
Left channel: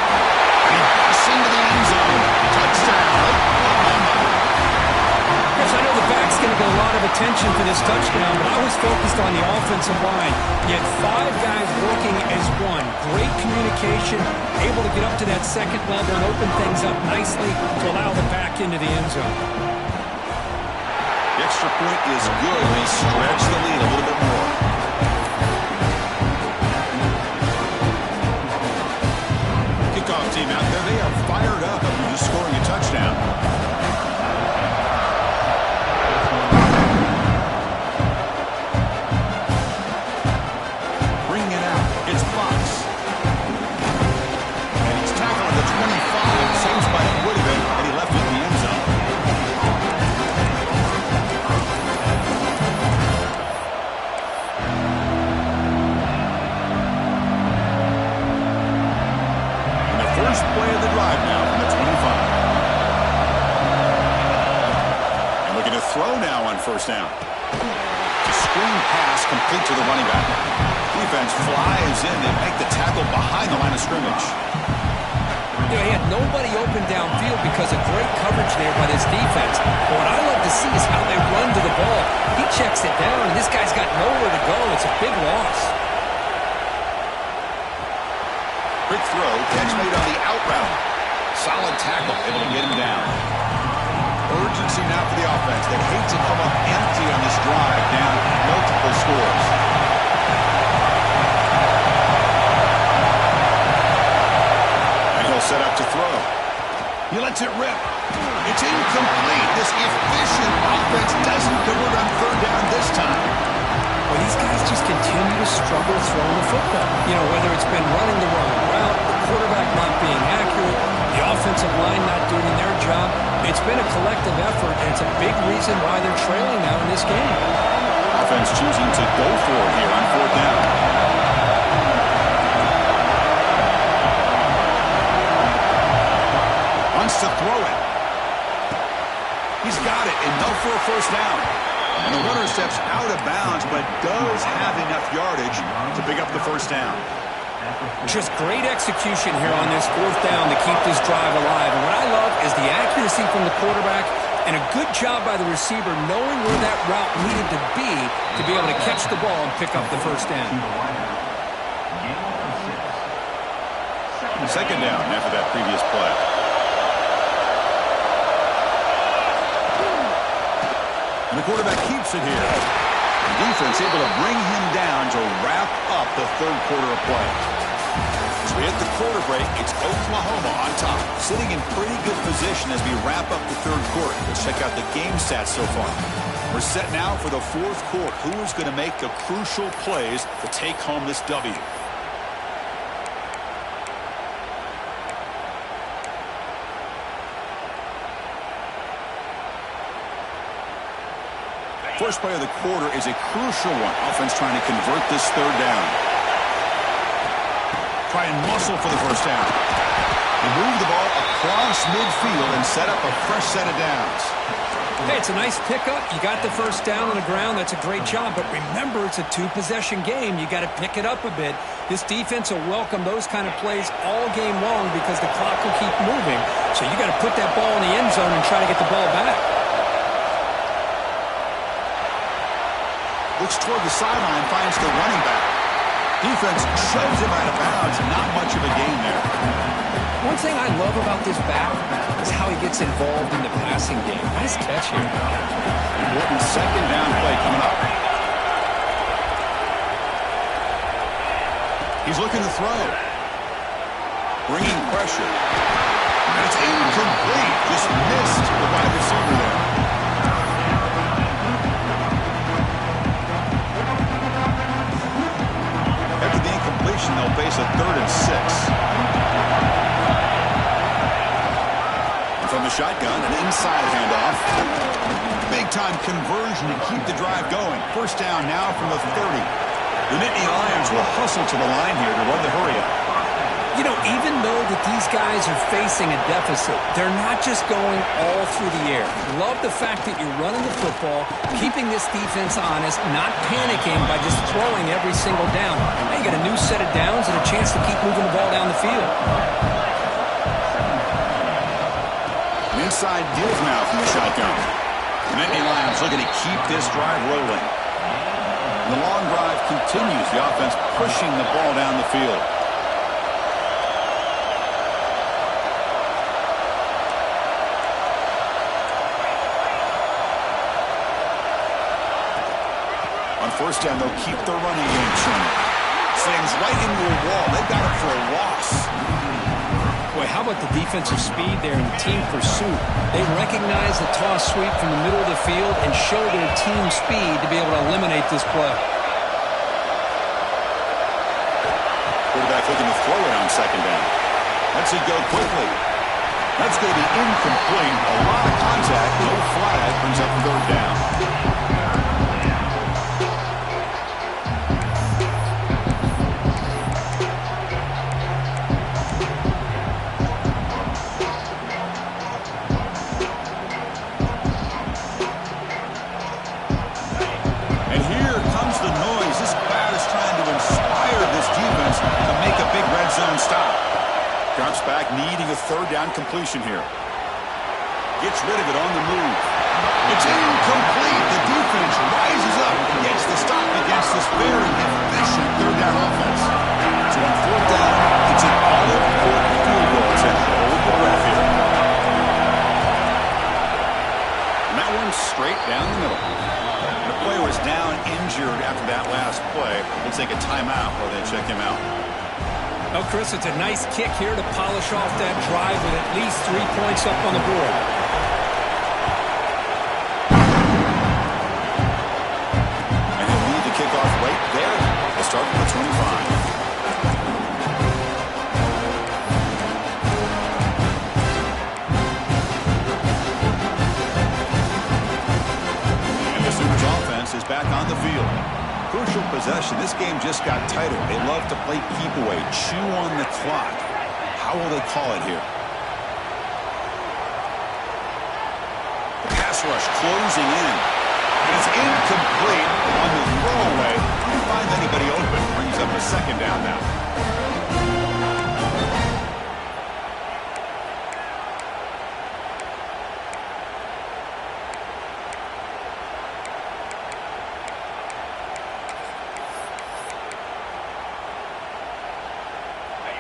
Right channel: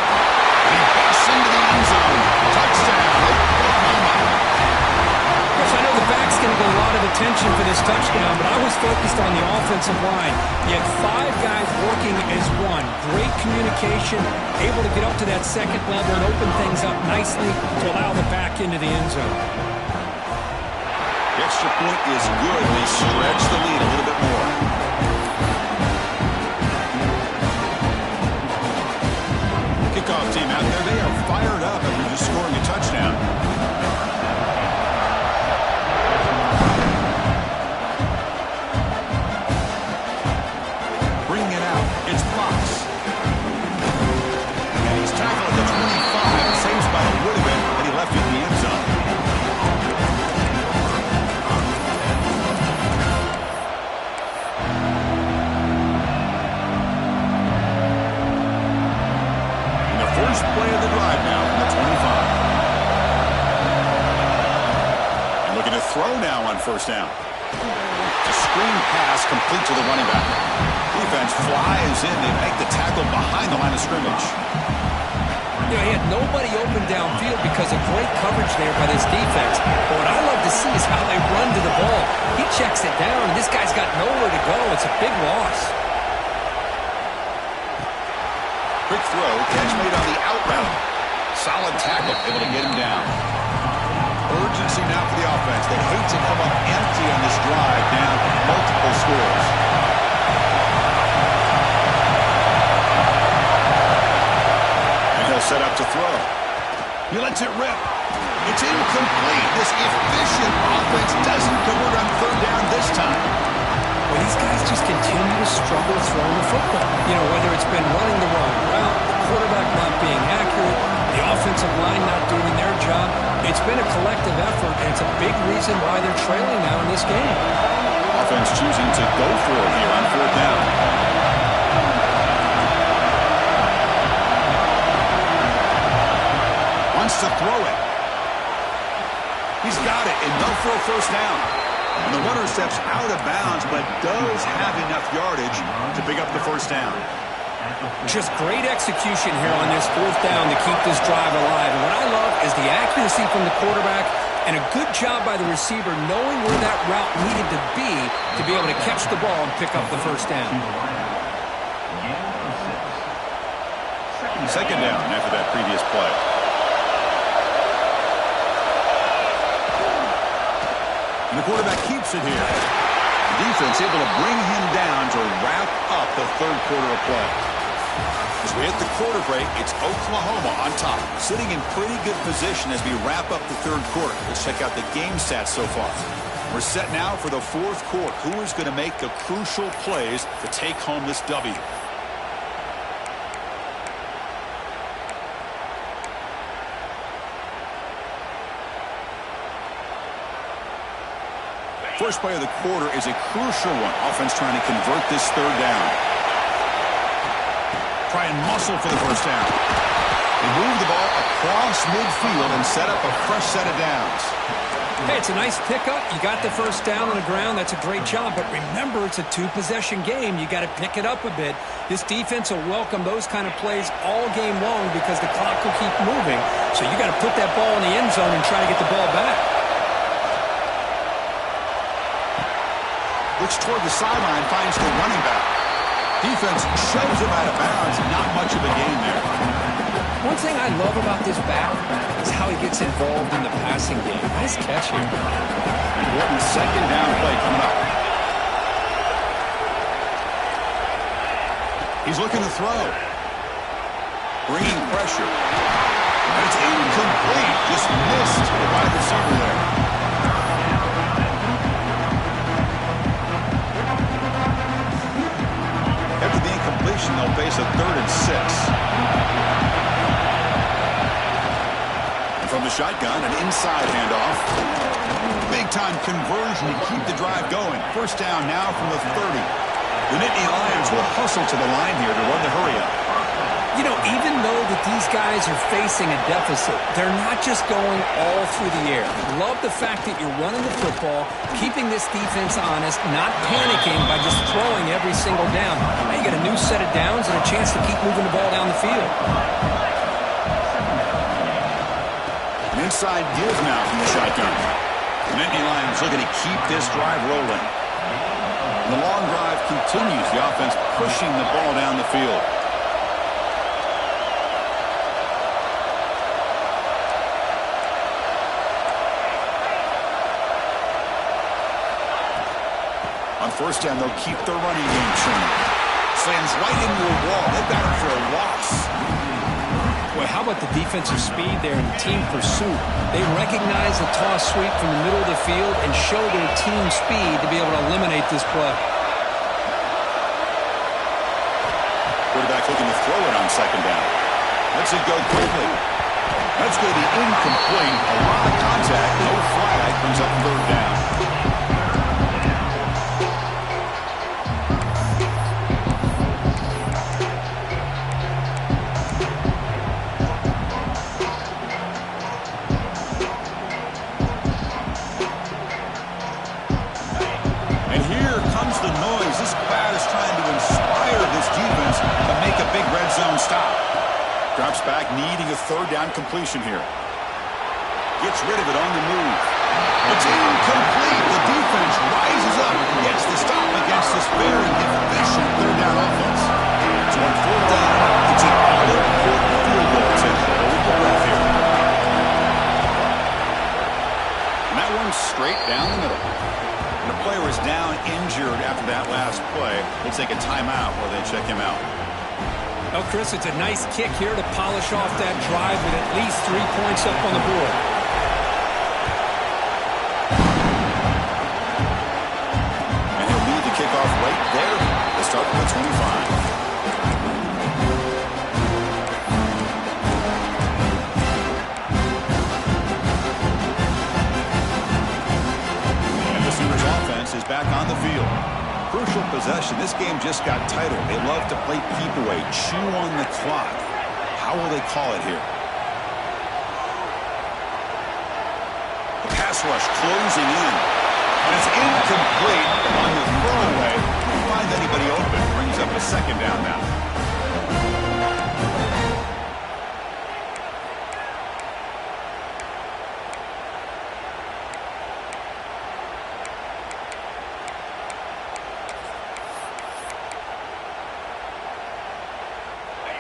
He busts into the end zone. Touchdown, Oklahoma. Chris, I know the back's going to get a lot of attention for this touchdown, but I was focused on the offensive line. You had 5 guys working as one. Great communication, able to get up to that 2nd level and open things up nicely to allow the back into the end zone. The extra point is good. They stretch the lead a little bit more. Kickoff team out there. They are fired up after just scoring a touchdown. Bringing it out. It's Fox. And he's tackled at the 25. Same spot it would have been, and he left it in the end zone. First play of the drive now from the 25. And looking to throw now on 1st down. It's a screen pass complete to the running back. Defense flies in. They make the tackle behind the line of scrimmage. You know, he had nobody open downfield because of great coverage there by this defense. But what I love to see is how they run to the ball. He checks it down, and this guy's got nowhere to go. It's a big loss. Quick throw, catch made on the out route. Solid tackle, able to get him down. Urgency now for the offense. They hate to come up empty on this drive, down multiple scores. And he'll set up to throw. He lets it rip. It's incomplete. This efficient offense doesn't convert on 3rd down this time. Well, these guys just continue to struggle throwing the football. You know, whether it's been running the wrong route, the quarterback not being accurate, the offensive line not doing their job. It's been a collective effort, and it's a big reason why they're trailing now in this game. Offense choosing to go for it here on 4th down. Wants to throw it. He's got it, enough for a 1st down. And the runner steps out of bounds, but does have enough yardage to pick up the 1st down. Just great execution here on this 4th down to keep this drive alive. And what I love is the accuracy from the quarterback and a good job by the receiver knowing where that route needed to be able to catch the ball and pick up the 1st down. 2nd down after that previous play. And the quarterback keeps it here. The defense able to bring him down to wrap up the 3rd quarter of play. As we hit the quarter break, it's Oklahoma on top, sitting in pretty good position as we wrap up the 3rd quarter. Let's check out the game stats so far. We're set now for the 4th quarter. Who is going to make the crucial plays to take home this W? First play of the quarter is a crucial one. Offense trying to convert this 3rd down. Try and muscle for the 1st down. They move the ball across midfield and set up a fresh set of downs. Hey, it's a nice pickup. You got the 1st down on the ground. That's a great job. But remember, it's a 2-possession game. You got to pick it up a bit. This defense will welcome those kind of plays all game long because the clock will keep moving. So you got to put that ball in the end zone and try to get the ball back. Looks toward the sideline, finds the running back. Defense shoves him out of bounds. Not much of a gain there. One thing I love about this back is how he gets involved in the passing game. Nice catch here. Important 2nd down play coming up. He's looking to throw. Bringing pressure. And it's incomplete. Just missed the wide receiver there. situation, they'll face a 3rd and 6. And from the shotgun, an inside handoff. Big-time conversion to keep the drive going. First down now from the 30. The Nittany Lions will hustle to the line here to run the hurry-up. You know, even though that these guys are facing a deficit, they're not just going all through the air. Love the fact that you're running the football, keeping this defense honest, not panicking by just throwing every single down. Now you got a new set of downs and a chance to keep moving the ball down the field. An inside give now from the shotgun. The Nittany Lions looking to keep this drive rolling. The long drive continues. The offense pushing the ball down the field. On first down, they'll keep their running game churning. Slams right into a wall. They've got it for a loss. Boy, how about the defensive speed there in the team pursuit? They recognize the toss sweep from the middle of the field and show their team speed to be able to eliminate this play. Quarterback looking to throw it on second down. Lets it go quickly. That's going to be incomplete. A lot of contact. No flag. Brings up 3rd down. Zone stop. Drops back, needing a 3rd down completion here. Gets rid of it on the move. It's incomplete. The defense rises up and gets the stop against this very efficient 3rd down offense. It's 4th down. It's an all-important field goal to hold the breath here. And that one's straight down the middle. And the player was down injured after that last play. We'll take a timeout while they check him out. Well, Chris, it's a nice kick here to polish off that drive with at least 3 points up on the board. And he'll lead the kickoff right there. They'll start from the 25. And the Sooners offense is back on the field. Crucial possession. This game just got tighter. They love to play keep away, chew on the clock. How will they call it here? The pass rush closing in. And it's incomplete on the throwaway. Couldn't find anybody open. Brings up a 2nd down now.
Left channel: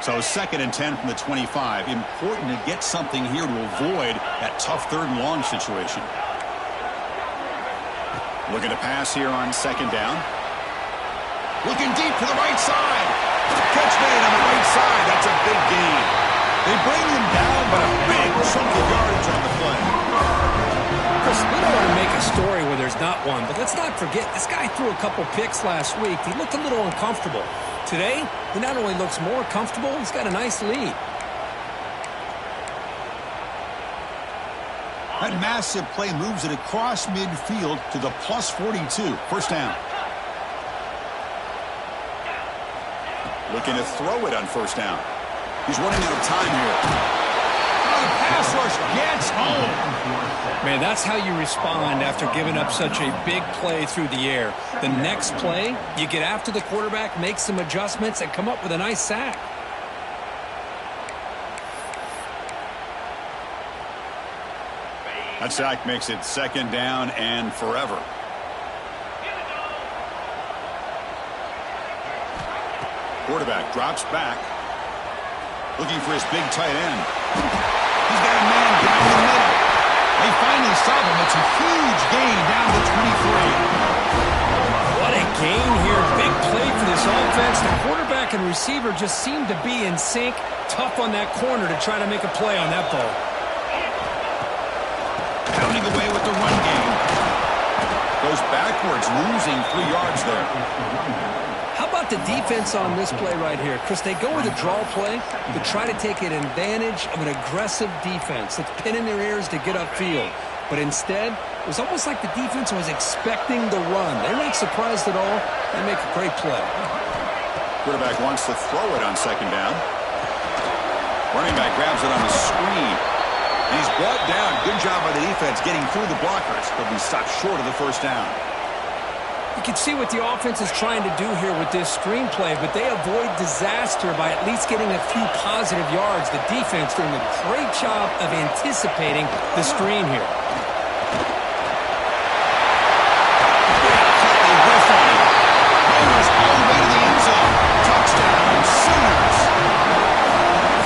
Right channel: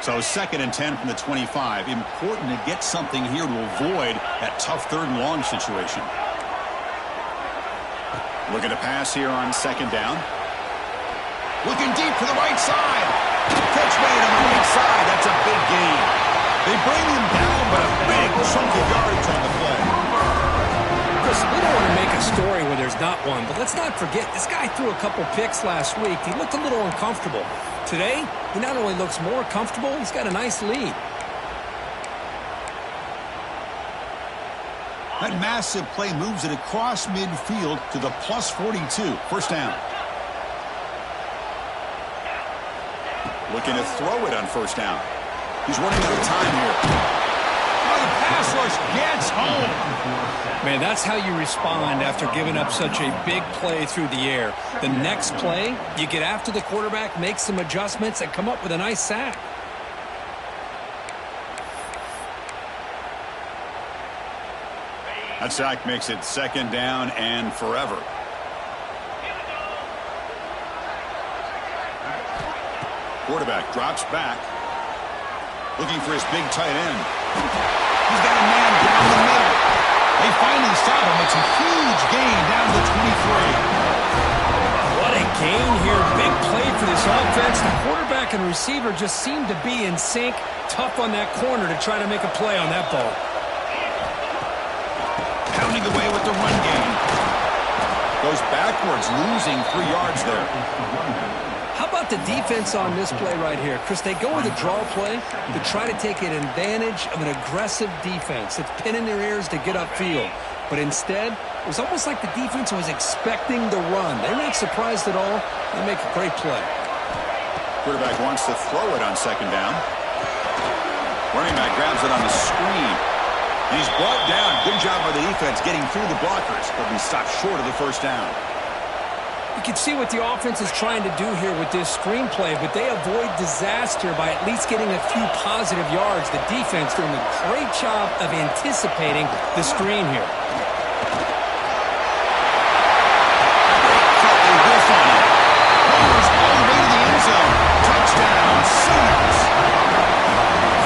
So 2nd and 10 from the 25. Important to get something here to avoid that tough 3rd and long situation. Looking to pass here on 2nd down. Looking deep to the right side. Catch made on the right side. That's a big gain. They bring him down, but a big chunk of yardage on the play. Chris, we don't want to make a story where there's not one, but let's not forget, this guy threw a couple picks last week. He looked a little uncomfortable. Today, he not only looks more comfortable, he's got a nice lead. That massive play moves it across midfield to the plus 42. First down. Looking to throw it on first down. He's running out of time here. Oh, the pass rush gets home. Man, that's how you respond after giving up such a big play through the air. The next play, you get after the quarterback, make some adjustments, and come up with a nice sack. That sack makes it 2nd down and forever. Quarterback drops back. Looking for his big tight end. He's got a man down the middle. They finally stop him. It's a huge gain down to 23. What a gain here. Big play for this offense. The quarterback and receiver just seem to be in sync. Tough on that corner to try to make a play on that ball. Pounding away with the run game. Goes backwards, losing 3 yards there. How about the defense on this play right here? Chris, they go with a draw play to try to take an advantage of an aggressive defense that's pinning their ears to get upfield. But instead, it was almost like the defense was expecting the run. They're not surprised at all. They make a great play. Quarterback wants to throw it on second down. Running back grabs it on the screen. And he's brought down. Good job by the defense getting through the blockers. He'll be stopped short of the first down. You can see what the offense is trying to do here with this screen play, but they avoid disaster by at least getting a few positive yards. The defense doing a great job of anticipating the screen here. Great cut. They whiff on him. Runners all the way to the end zone. Touchdown, Sooners.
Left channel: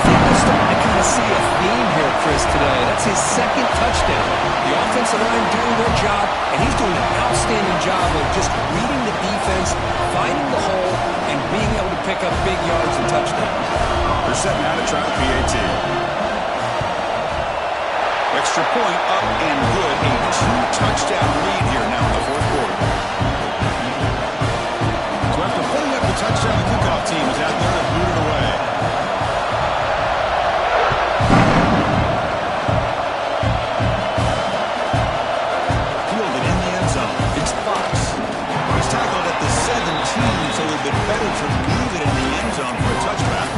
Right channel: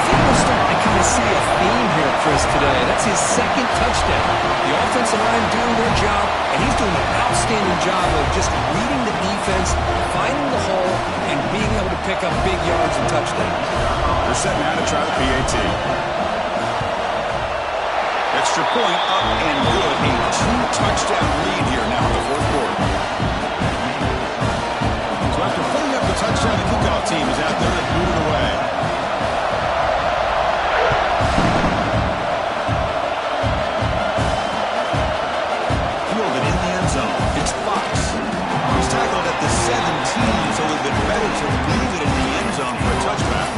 I think we're starting to kind of see a theme here, Chris, today. That's his second touchdown. The offensive line doing their job, and he's doing an outstanding job of just reading the defense, finding the hole, and being able to pick up big yards and touchdowns. They're setting out to try the PAT. Extra point up and good. A 2-touchdown lead here now in the fourth quarter. So after putting up the touchdown, the kickoff team is out there and boot it away. It's Fox. He's tackled at the 17, so it would have been better to leave it in the end zone for a touchback.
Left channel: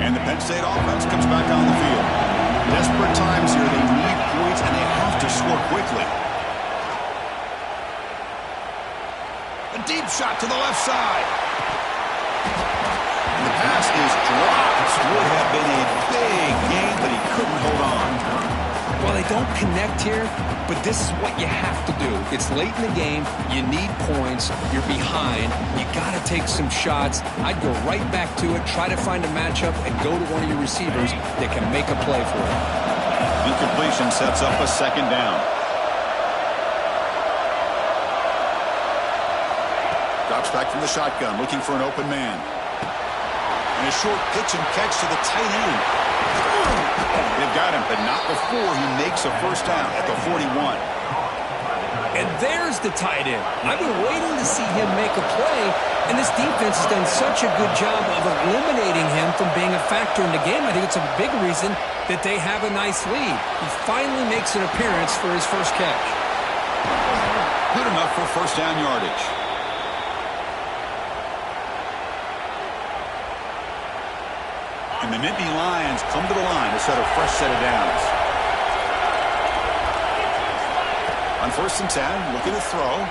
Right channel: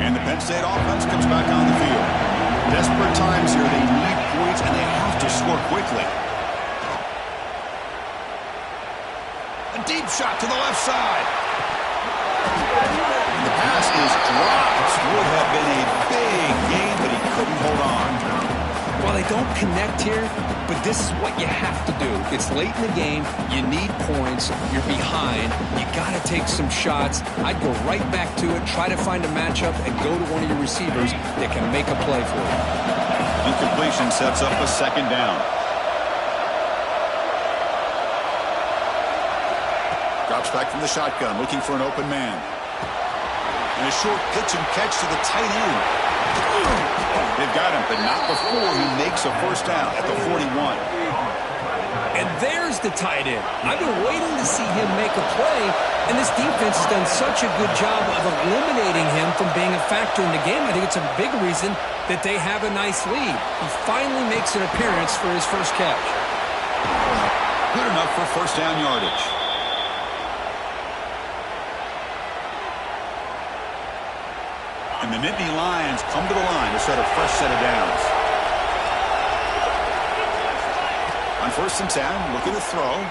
And the Penn State offense comes back on the field. Desperate times here. They need points, and they have to score quickly. A deep shot to the left side. The pass is dropped. Would have been a big game, but he couldn't hold on. Well, they don't connect here, but this is what you have to do. It's late in the game. You need points. You're behind. You got to take some shots. I'd go right back to it, try to find a matchup, and go to one of your receivers that can make a play for you. Incompletion sets up a second down. Drops back from the shotgun, looking for an open man. And a short pitch and catch to the tight end. They've got him, but not before he makes a first down at the 41. And there's the tight end. I've been waiting to see him make a play, and this defense has done such a good job of eliminating him from being a factor in the game. I think it's a big reason that they have a nice lead. He finally makes an appearance for his first catch. Good enough for first down yardage. And the Nittany Lions come to the line to set a fresh set of downs. On 1st and 10, looking to throw.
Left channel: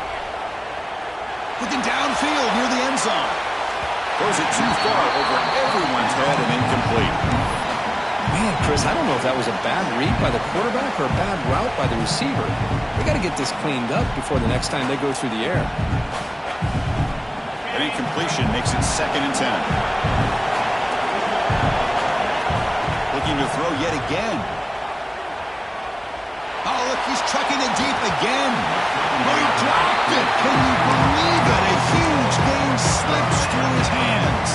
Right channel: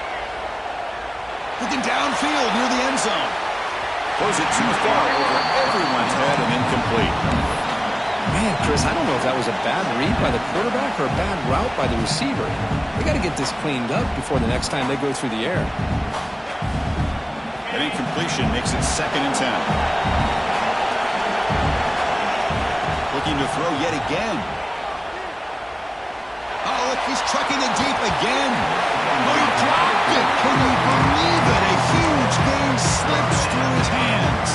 Looking downfield near the end zone. Throws it too far over everyone's head and incomplete. Man, Chris, I don't know if that was a bad read by the quarterback or a bad route by the receiver. They got to get this cleaned up before the next time they go through the air. That incompletion makes it 2nd and 10. Looking to throw yet again. Oh, look, he's trucking it deep again. Oh, he dropped it. Can you believe it? A huge game slips through his hands.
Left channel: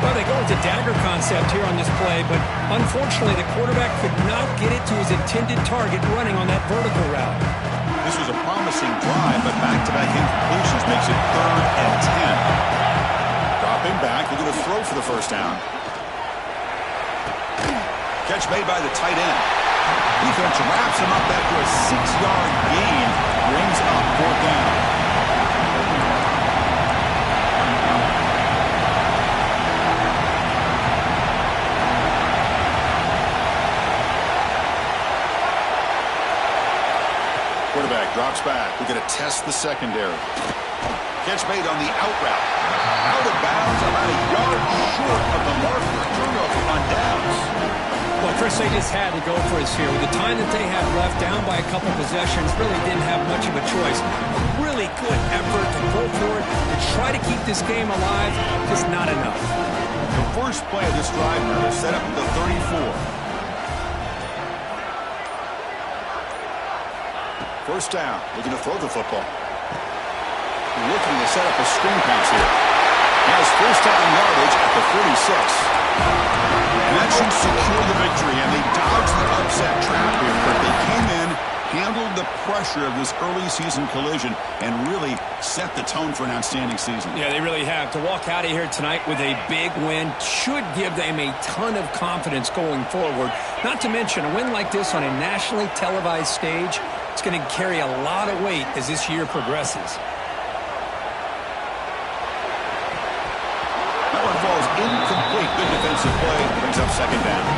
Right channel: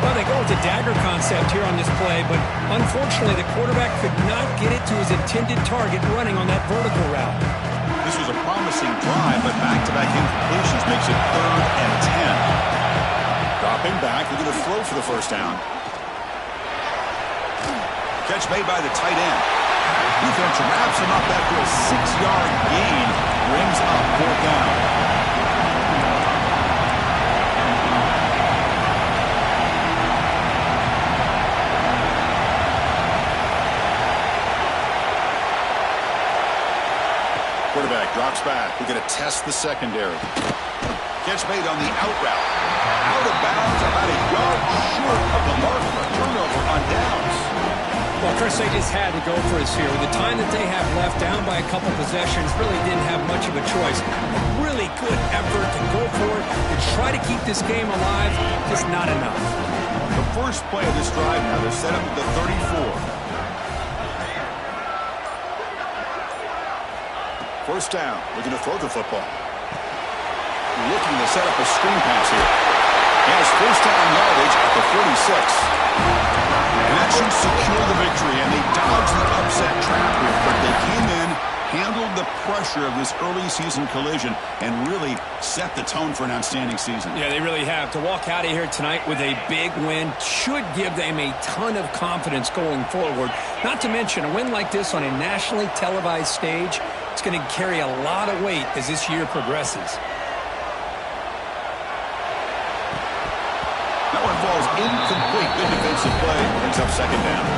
Well, they go with the dagger concept here on this play, but unfortunately the quarterback could not get it to his intended target running on that vertical route. This was a promising drive, but back-to-back incompletions makes it 3rd and 10. Dropping back, looking to throw for the first down. Catch made by the tight end. Defense wraps him up after a 6-yard gain. Brings up 4th down. Quarterback drops back. We're going to test the secondary. Catch made on the out route. Out of bounds, about a yard short of the mark for a turnover on downs. Well, Chris, they just had to go for us here. With the time that they have left, down by a couple possessions, really didn't have much of a choice. A really good effort to go for it, to try to keep this game alive, just not enough. The first play of this drive now, they're set up at the 34. First down, looking to throw the football. Looking to set up a screen pass here. He has first down yardage at the 46. And that should secure the victory, and they dodged the upset trap here, but they came in, handled the pressure of this early season collision, and really set the tone for an outstanding season. Yeah, they really have. To walk out of here tonight with a big win should give them a ton of confidence going forward. Not to mention, a win like this on a nationally televised stage, it's going to carry a lot of weight as this year progresses. That one falls incomplete. Good defensive play. Brings up second down.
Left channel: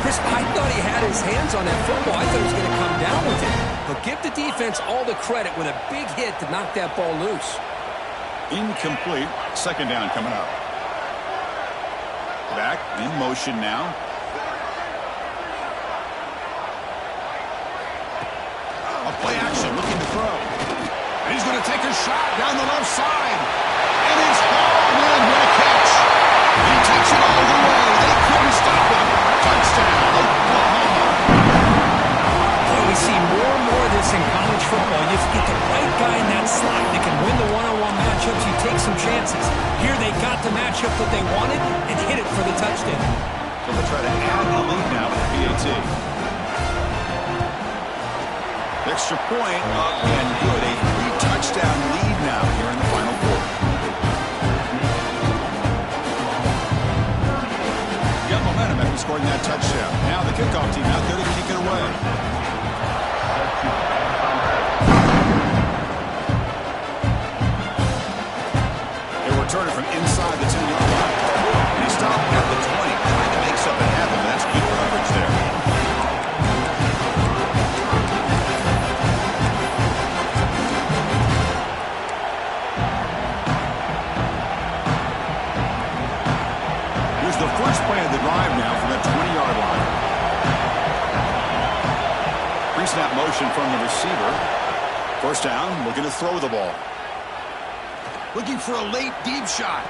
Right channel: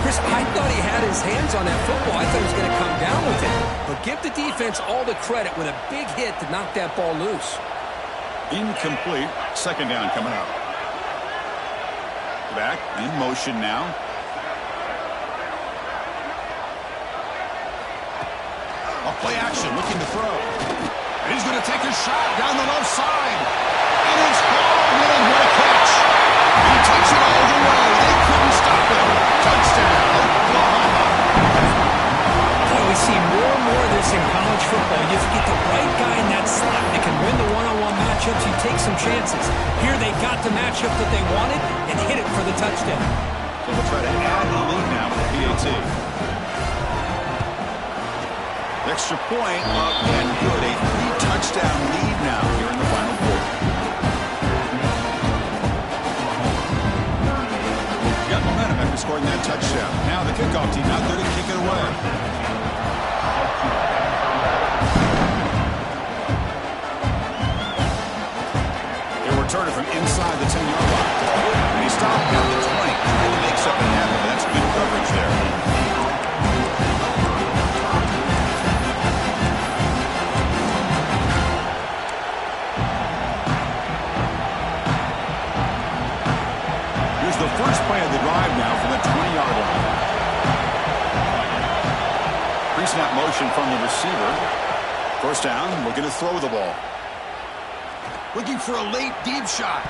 Chris, I thought he had his hands on that football. I thought he was going to come down with it. But give the defense all the credit with a big hit to knock that ball loose. Incomplete. Second down coming up. Back in motion now. A play action, looking to throw. And he's going to take a shot down the left side. And it's hauled in. What a catch. And he takes it all the way. They couldn't stop him. Touchdown, Oklahoma. Boy, we see more and more of this in college football. You get the right guy in that slot. They can win the one-on-one matchups. You take some chances. Here they got the matchup that they wanted and hit it for the touchdown. So they'll try to add the lead now with the PAT. Extra point up and good. A 3-touchdown lead now here in the final quarter. Got momentum after scoring that touchdown. Now the kickoff team out there to kick it away. He'll return it from inside the 10-yard line. And he stopped at the 20, trying to make something happen, but that's good coverage there. The first play of the drive now from the 20-yard line. Pre-snap motion from the receiver. First down, looking to throw the ball. Looking for a late deep shot.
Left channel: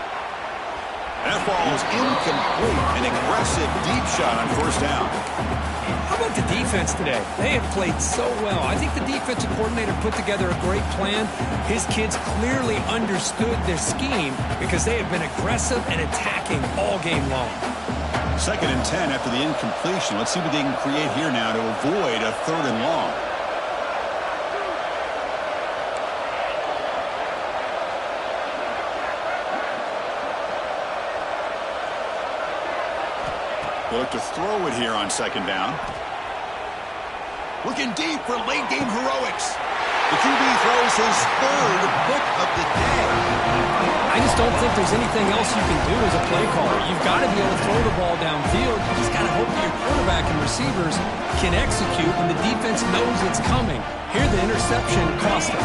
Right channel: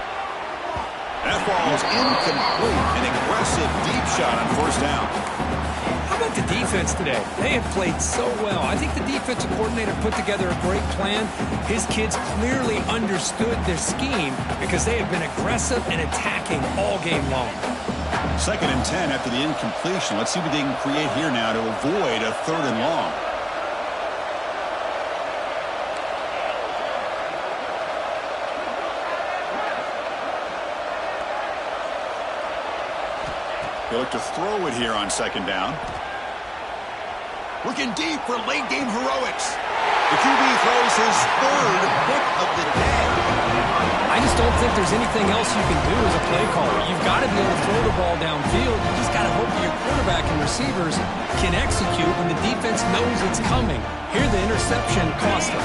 That ball is incomplete. An aggressive deep shot on first down. How about the defense today? They have played so well. I think the defensive coordinator put together a great plan. His kids clearly understood their scheme because they have been aggressive and attacking all game long. Second and 10 after the incompletion. Let's see what they can create here now to avoid a third and long. They look to throw it here on second down. Looking deep for late game heroics. The QB throws his third pick of the day. I just don't think there's anything else you can do as a play caller. You've got to be able to throw the ball downfield. You just got to hope that your quarterback and receivers can execute when the defense knows it's coming. Here the interception cost them.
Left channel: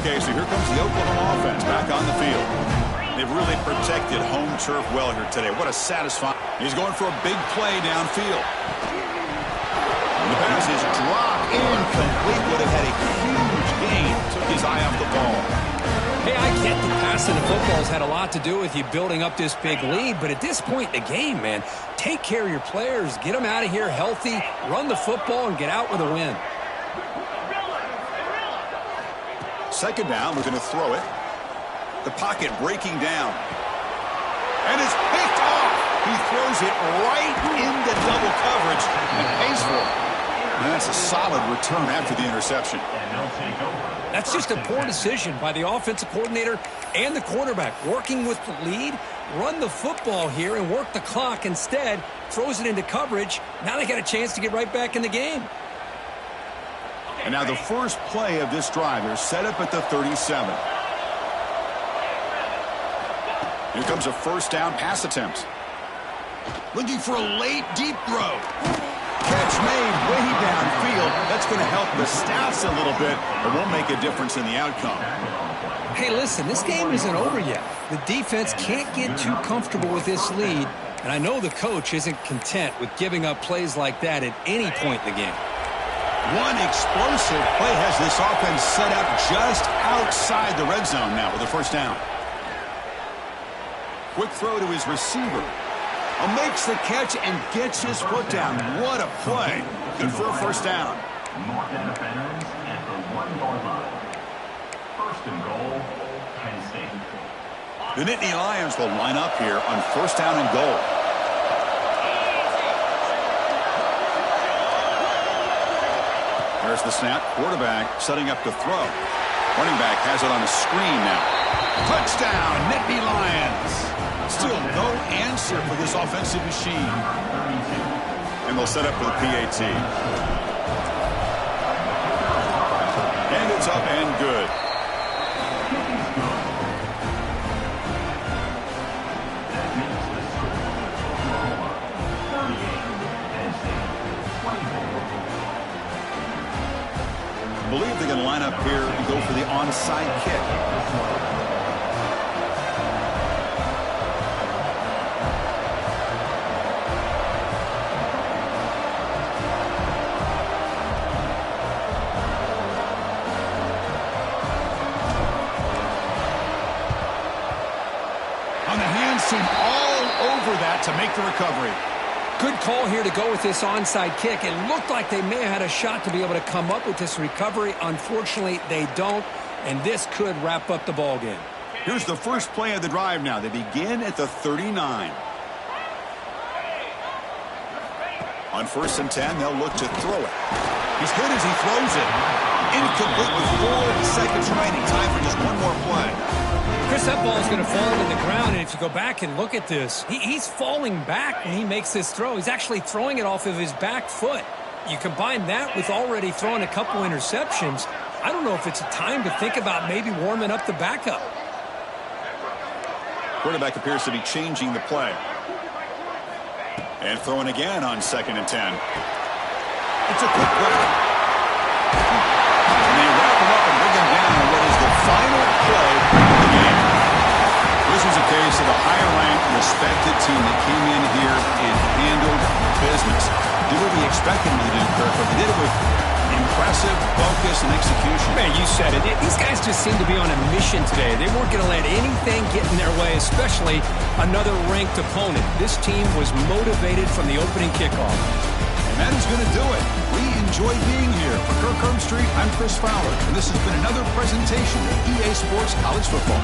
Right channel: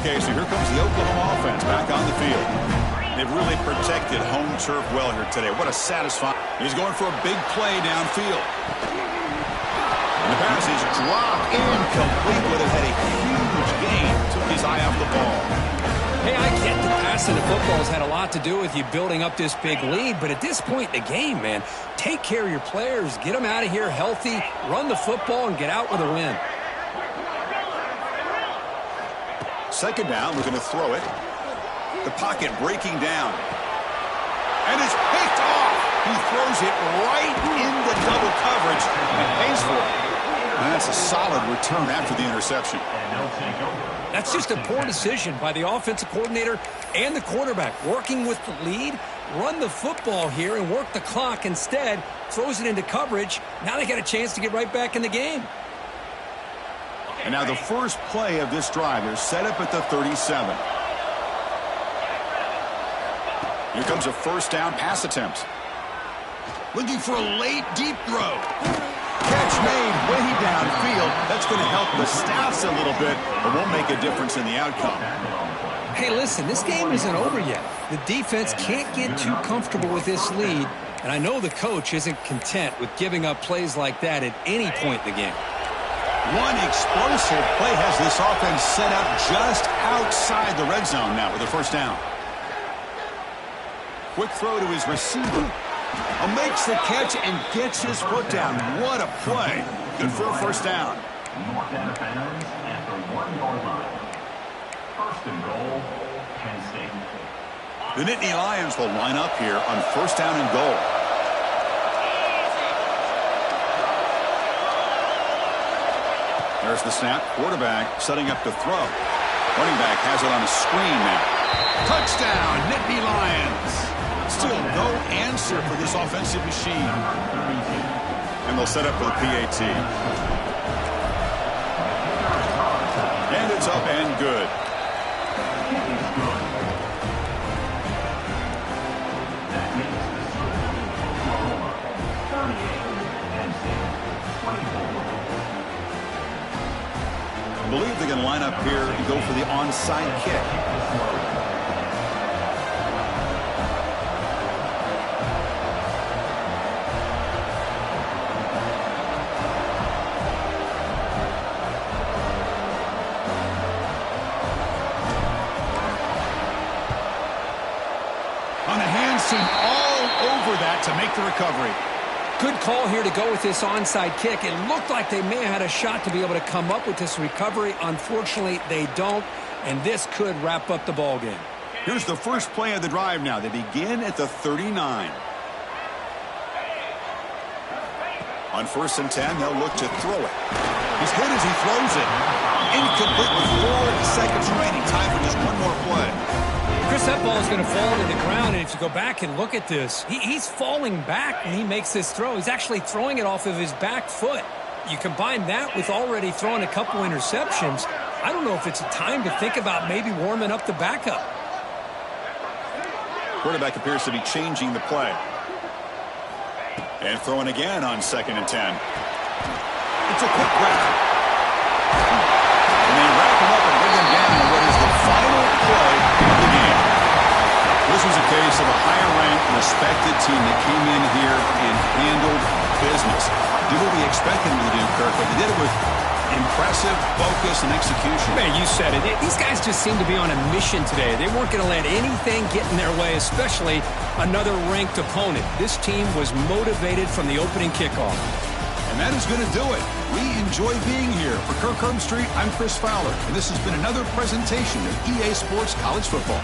Okay, so here comes the Oklahoma offense back on the field. They've really protected home turf well here today. What a satisfying. He's going for a big play downfield. And the pass is dropped incomplete. Would have had a huge gain. Took his eye off the ball. Hey, I get the passing of football has had a lot to do with you building up this big lead, but at this point in the game, man, take care of your players. Get them out of here healthy, run the football, and get out with a win. Second down, we're going to throw it. The pocket breaking down. And it's picked off. He throws it right into double coverage and pays for it. And that's a solid return after the interception. That's just a poor decision by the offensive coordinator and the quarterback. Working with the lead, run the football here and work the clock instead. Throws it into coverage. Now they got a chance to get right back in the game. And now the first play of this drive. They're set up at the 37. Here comes a first down pass attempt. Looking for a late deep throw. Catch made way downfield. That's going to help the stats a little bit, but won't make a difference in the outcome. Hey, listen, this game isn't over yet. The defense can't get too comfortable with this lead, and I know the coach isn't content with giving up plays like that at any point in the game. One explosive play has this offense set up just outside the red zone now with a first down. Quick throw to his receiver. Makes the catch and gets his foot down. What a play. Good for a first down. North end of bounds at the 1-yard line. First and goal, Penn State. The Nittany Lions will line up here on first down and goal. There's the snap. Quarterback setting up to throw. Running back has it on a screen now. Touchdown, Nittany Lions. Still no answer for this offensive machine. And they'll set up for the PAT. And it's up and good. That makes the score Oklahoma 38, Penn State 24. I believe they're going to line up here and go for the onside kick. On the hands team all over that to make the recovery. Good call here to go with this onside kick. It looked like they may have had a shot to be able to come up with this recovery. Unfortunately, they don't, and this could wrap up the ball game. Here's the first play of the drive now. They begin at the 39. On 1st and 10, they'll look to throw it. He's hit as he throws it. Incomplete with 4 seconds remaining. Time for just one more play. Chris, that ball is going to fall to the ground, and if you go back and look at this, he's falling back when he makes this throw. He's actually throwing it off of his back foot. You combine that with already throwing a couple interceptions, I don't know if it's a time to think about maybe warming up the backup. Quarterback appears to be changing the play. And throwing again on 2nd and 10. It's a quick grab. And they wrap him up and bring him down on what is the final play of the game. This was a case of a higher-ranked, respected team that came in here and handled business. Did what we expected them to do, Kirk, but they did it with impressive focus and execution. Man, you said it. These guys just seem to be on a mission today. They weren't going to let anything get in their way, especially another ranked opponent. This team was motivated from the opening kickoff. And that is going to do it. We enjoy being here. For Kirk Herbstreit, I'm Chris Fowler, and this has been another presentation of EA Sports College Football.